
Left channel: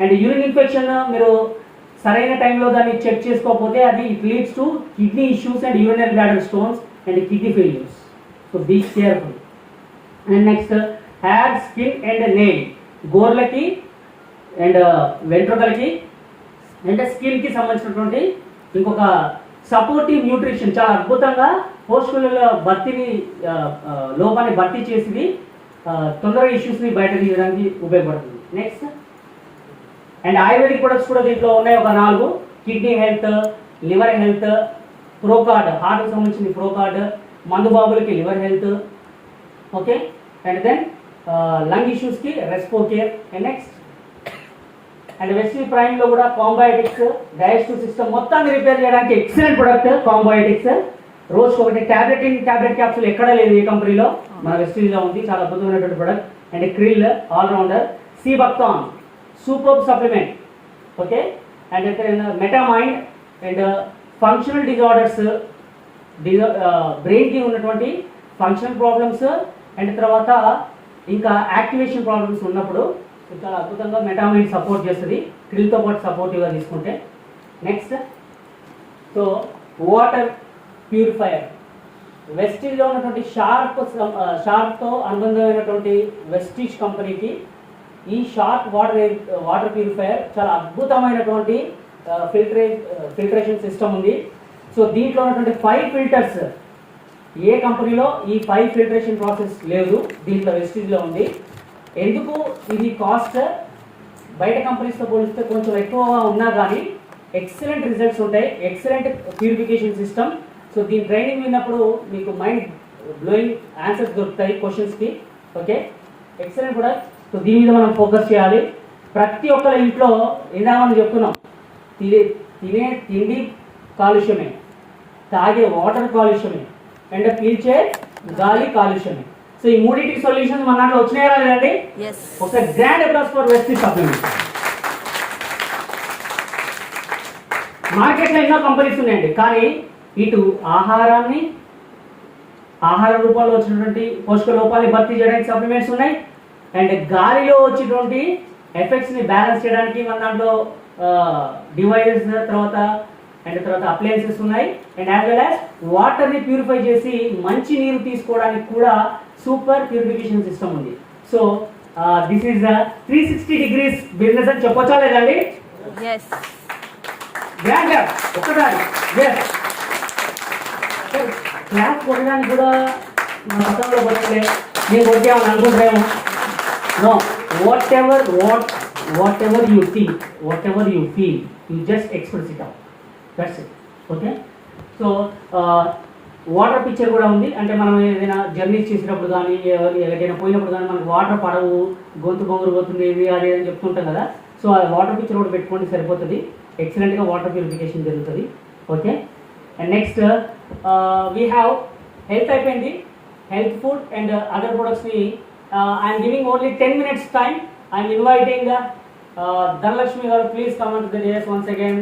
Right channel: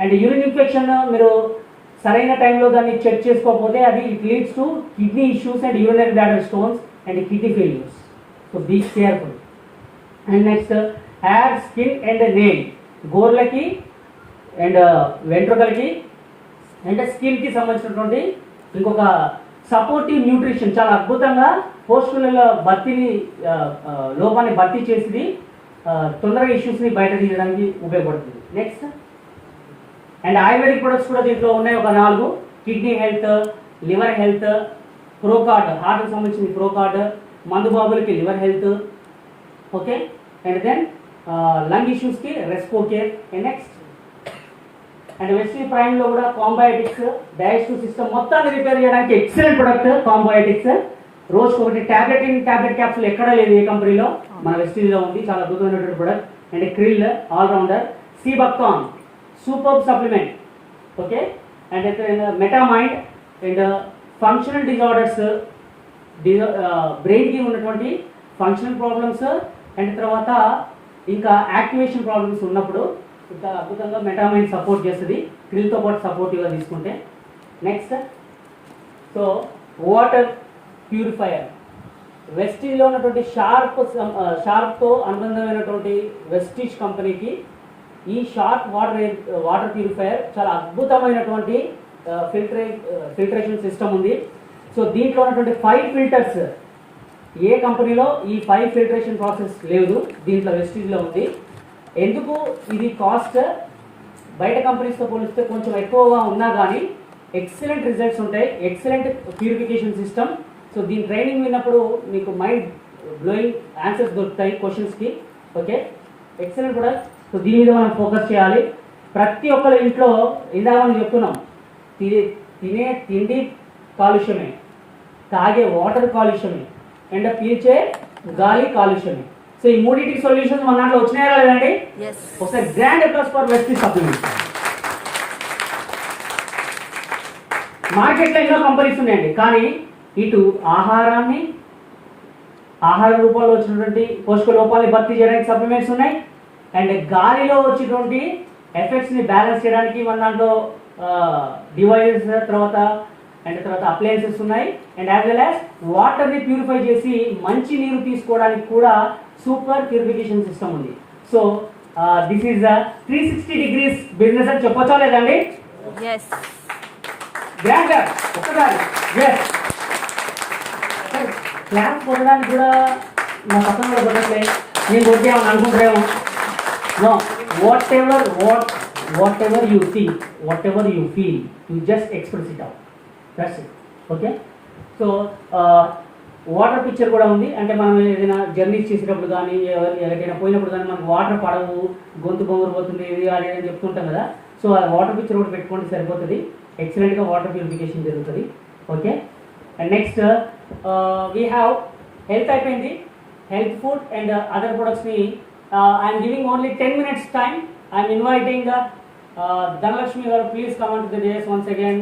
అండ్ యూరిన్ ఇన్ఫెక్షన్ మీరు సరైన టైంలో దాన్ని చెక్ చేసుకోకపోతే అది it leads to kidney issues and urinary bladder stones and kidney failures. So be careful. And next hair, skin and nail, గోర్లకి అండ్ వెంట్రుకలకి అండ్ స్కిన్కి సంబంధించినటువంటి ఇంకొక సపోర్టివ్ న్యూట్రిషన్, చాలా అద్భుతంగా పోస్టుల భర్తీని లోపాన్ని భర్తీ చేసి తొందరగా ఇష్యూస్ని బయట తీయడానికి ఉపయోగపడుతుంది. నెక్స్ట్ అండ్ ఆయుర్వేదిక్ ప్రొడక్ట్స్ కూడా దీంట్లో ఉన్నాయి ఒక 4. Kidney health, liver health, procard, హార్ట్కి సంబంధించిన ప్రోకార్డ్, మందు బాబులకి liver health. Okay. And then lung ఇష్యూస్కి respo care. And next and Vestige ప్రైమ్లో కూడా కాంబయోటిక్స్, డైజెస్టివ్ సిస్టమ్ మొత్తాన్ని రిపేర్ చేయడానికి ఎక్సలెంట్ ప్రొడక్ట్ కాంబయోటిక్స్. రోజుకి ఒకటి టాబ్లెట్ క్యాప్సూల్ ఎక్కడా లేదు ఏ కంపెనీలో, మన వెస్ట్రీలో ఉంది. చాలా అద్భుతమైనటువంటి product. And krill allrounder, sea buckthorn super supplement. Okay. And Metamind and functional disorders, బ్రెయిన్కి ఉన్నటువంటి ఫంక్షనల్ ప్రాబ్లమ్స్ అండ్ తర్వాత ఇంకా యాక్టివేషన్ ప్రాబ్లమ్స్ ఉన్నప్పుడు చాలా అద్భుతంగా మెటామైన్ సపోర్ట్ చేస్తుంది, క్రిల్తో పాటు సపోర్టివ్గా తీసుకుంటే. నెక్స్ట్, సో వాటర్ ప్యూరిఫైయర్, వెస్టీజ్లో ఉన్నటువంటి షార్ప్తో అనుబంధమైనటువంటి వెస్టీజ్ కంపెనీకి ఈ షార్ప్ వాటర్ ప్యూరిఫైయర్ చాలా అద్భుతమైనటువంటి ఫిల్టరేషన్ సిస్టమ్ ఉంది. సో దీంట్లో ఉన్నటువంటి 5 ఫిల్టర్స్, ఏ కంపెనీలో ఈ 5 ఫిల్టరేషన్ ప్రాసెస్ లేదు, దీంట్లో వెస్టీజ్లో ఉంది. ఎందుకు ఇది కాస్ట్ బయట కంపెనీస్తో పోలిస్తే కొంచెం ఎక్కువగా ఉన్నా కానీ ఎక్సలెంట్ రిజల్ట్స్ ఉంటాయి, ఎక్సలెంట్ ప్యూరిఫికేషన్ సిస్టమ్. సో దీని ట్రైనింగ్ విన్నప్పుడు మీకు మైండ్ బ్లోయింగ్ ఆన్సర్స్ దొరుకుతాయి క్వశ్చన్స్కి. ఓకే, ఎక్సలెంట్ కూడా. సో దీని మీద మనం ఫోకస్ చేయాలి. ప్రతి ఒక్కరి ఇంట్లో ఇందాక మనం చెప్తున్నాం, తినే తిండి కాలుష్యమే, తాగే వాటర్ కాలుష్యమే అండ్ పీల్చే గాలి కాలుష్యమే. సో ఈ మూడింటికి సొల్యూషన్స్ మన దాంట్లో వచ్చినాయా లేదండి? ఒక grand applause for Vestige supplements. మార్కెట్లో ఎన్నో కంపెనీస్ ఉన్నాయండి, కానీ ఇటు ఆహార రూపాల్లో వచ్చినటువంటి పోషక లోపాలని భర్తీ చేయడానికి సప్లిమెంట్స్ ఉన్నాయి, అండ్ గాలిలో వచ్చేటువంటి ఎఫెక్ట్స్ ని బ్యాలెన్స్ చేయడానికి మన దాంట్లో డివైజెస్ తర్వాత అప్లయన్సెస్ ఉన్నాయి, and as well as water ని ప్యూరిఫై చేసి మంచి నీరు తీసుకోవడానికి కూడా సూపర్ ప్యూరిఫికేషన్ సిస్టమ్ ఉంది. So this is 360 degrees business అని చెప్పొచ్చా లేదండి? ఒక్కసారి క్లాస్ కొట్టడానికి కూడా నా పక్కన కూడా కొట్టలే, నేను కొట్టామని అనుకుంటాము. No, whatever you think, whatever you feel, you just express it out. That's it. Okay? So water picture కూడా ఉంది. అంటే మనం ఏదైనా జర్నీస్ చేసేటప్పుడు కానీ ఏదైనా పోయినప్పుడు కానీ మనకు వాటర్ పడవు, గొంతు బొంగురు పోతుంది, ఇది అది అని చెప్తుంటాం కదా. సో ఆ వాటర్ పిక్చర్ కూడా పెట్టుకోండి, సరిపోతుంది. ఎక్సలెంట్గా వాటర్ ప్యూరిఫికేషన్ జరుగుతుంది. Okay, and next we have health అయిపోయింది, హెల్త్ ఫుడ్ అండ్ అదర్ ప్రొడక్ట్స్ని I'm giving only 10 minutes time. I'm inviting Dhanlakshmi, please come on to the dais once again.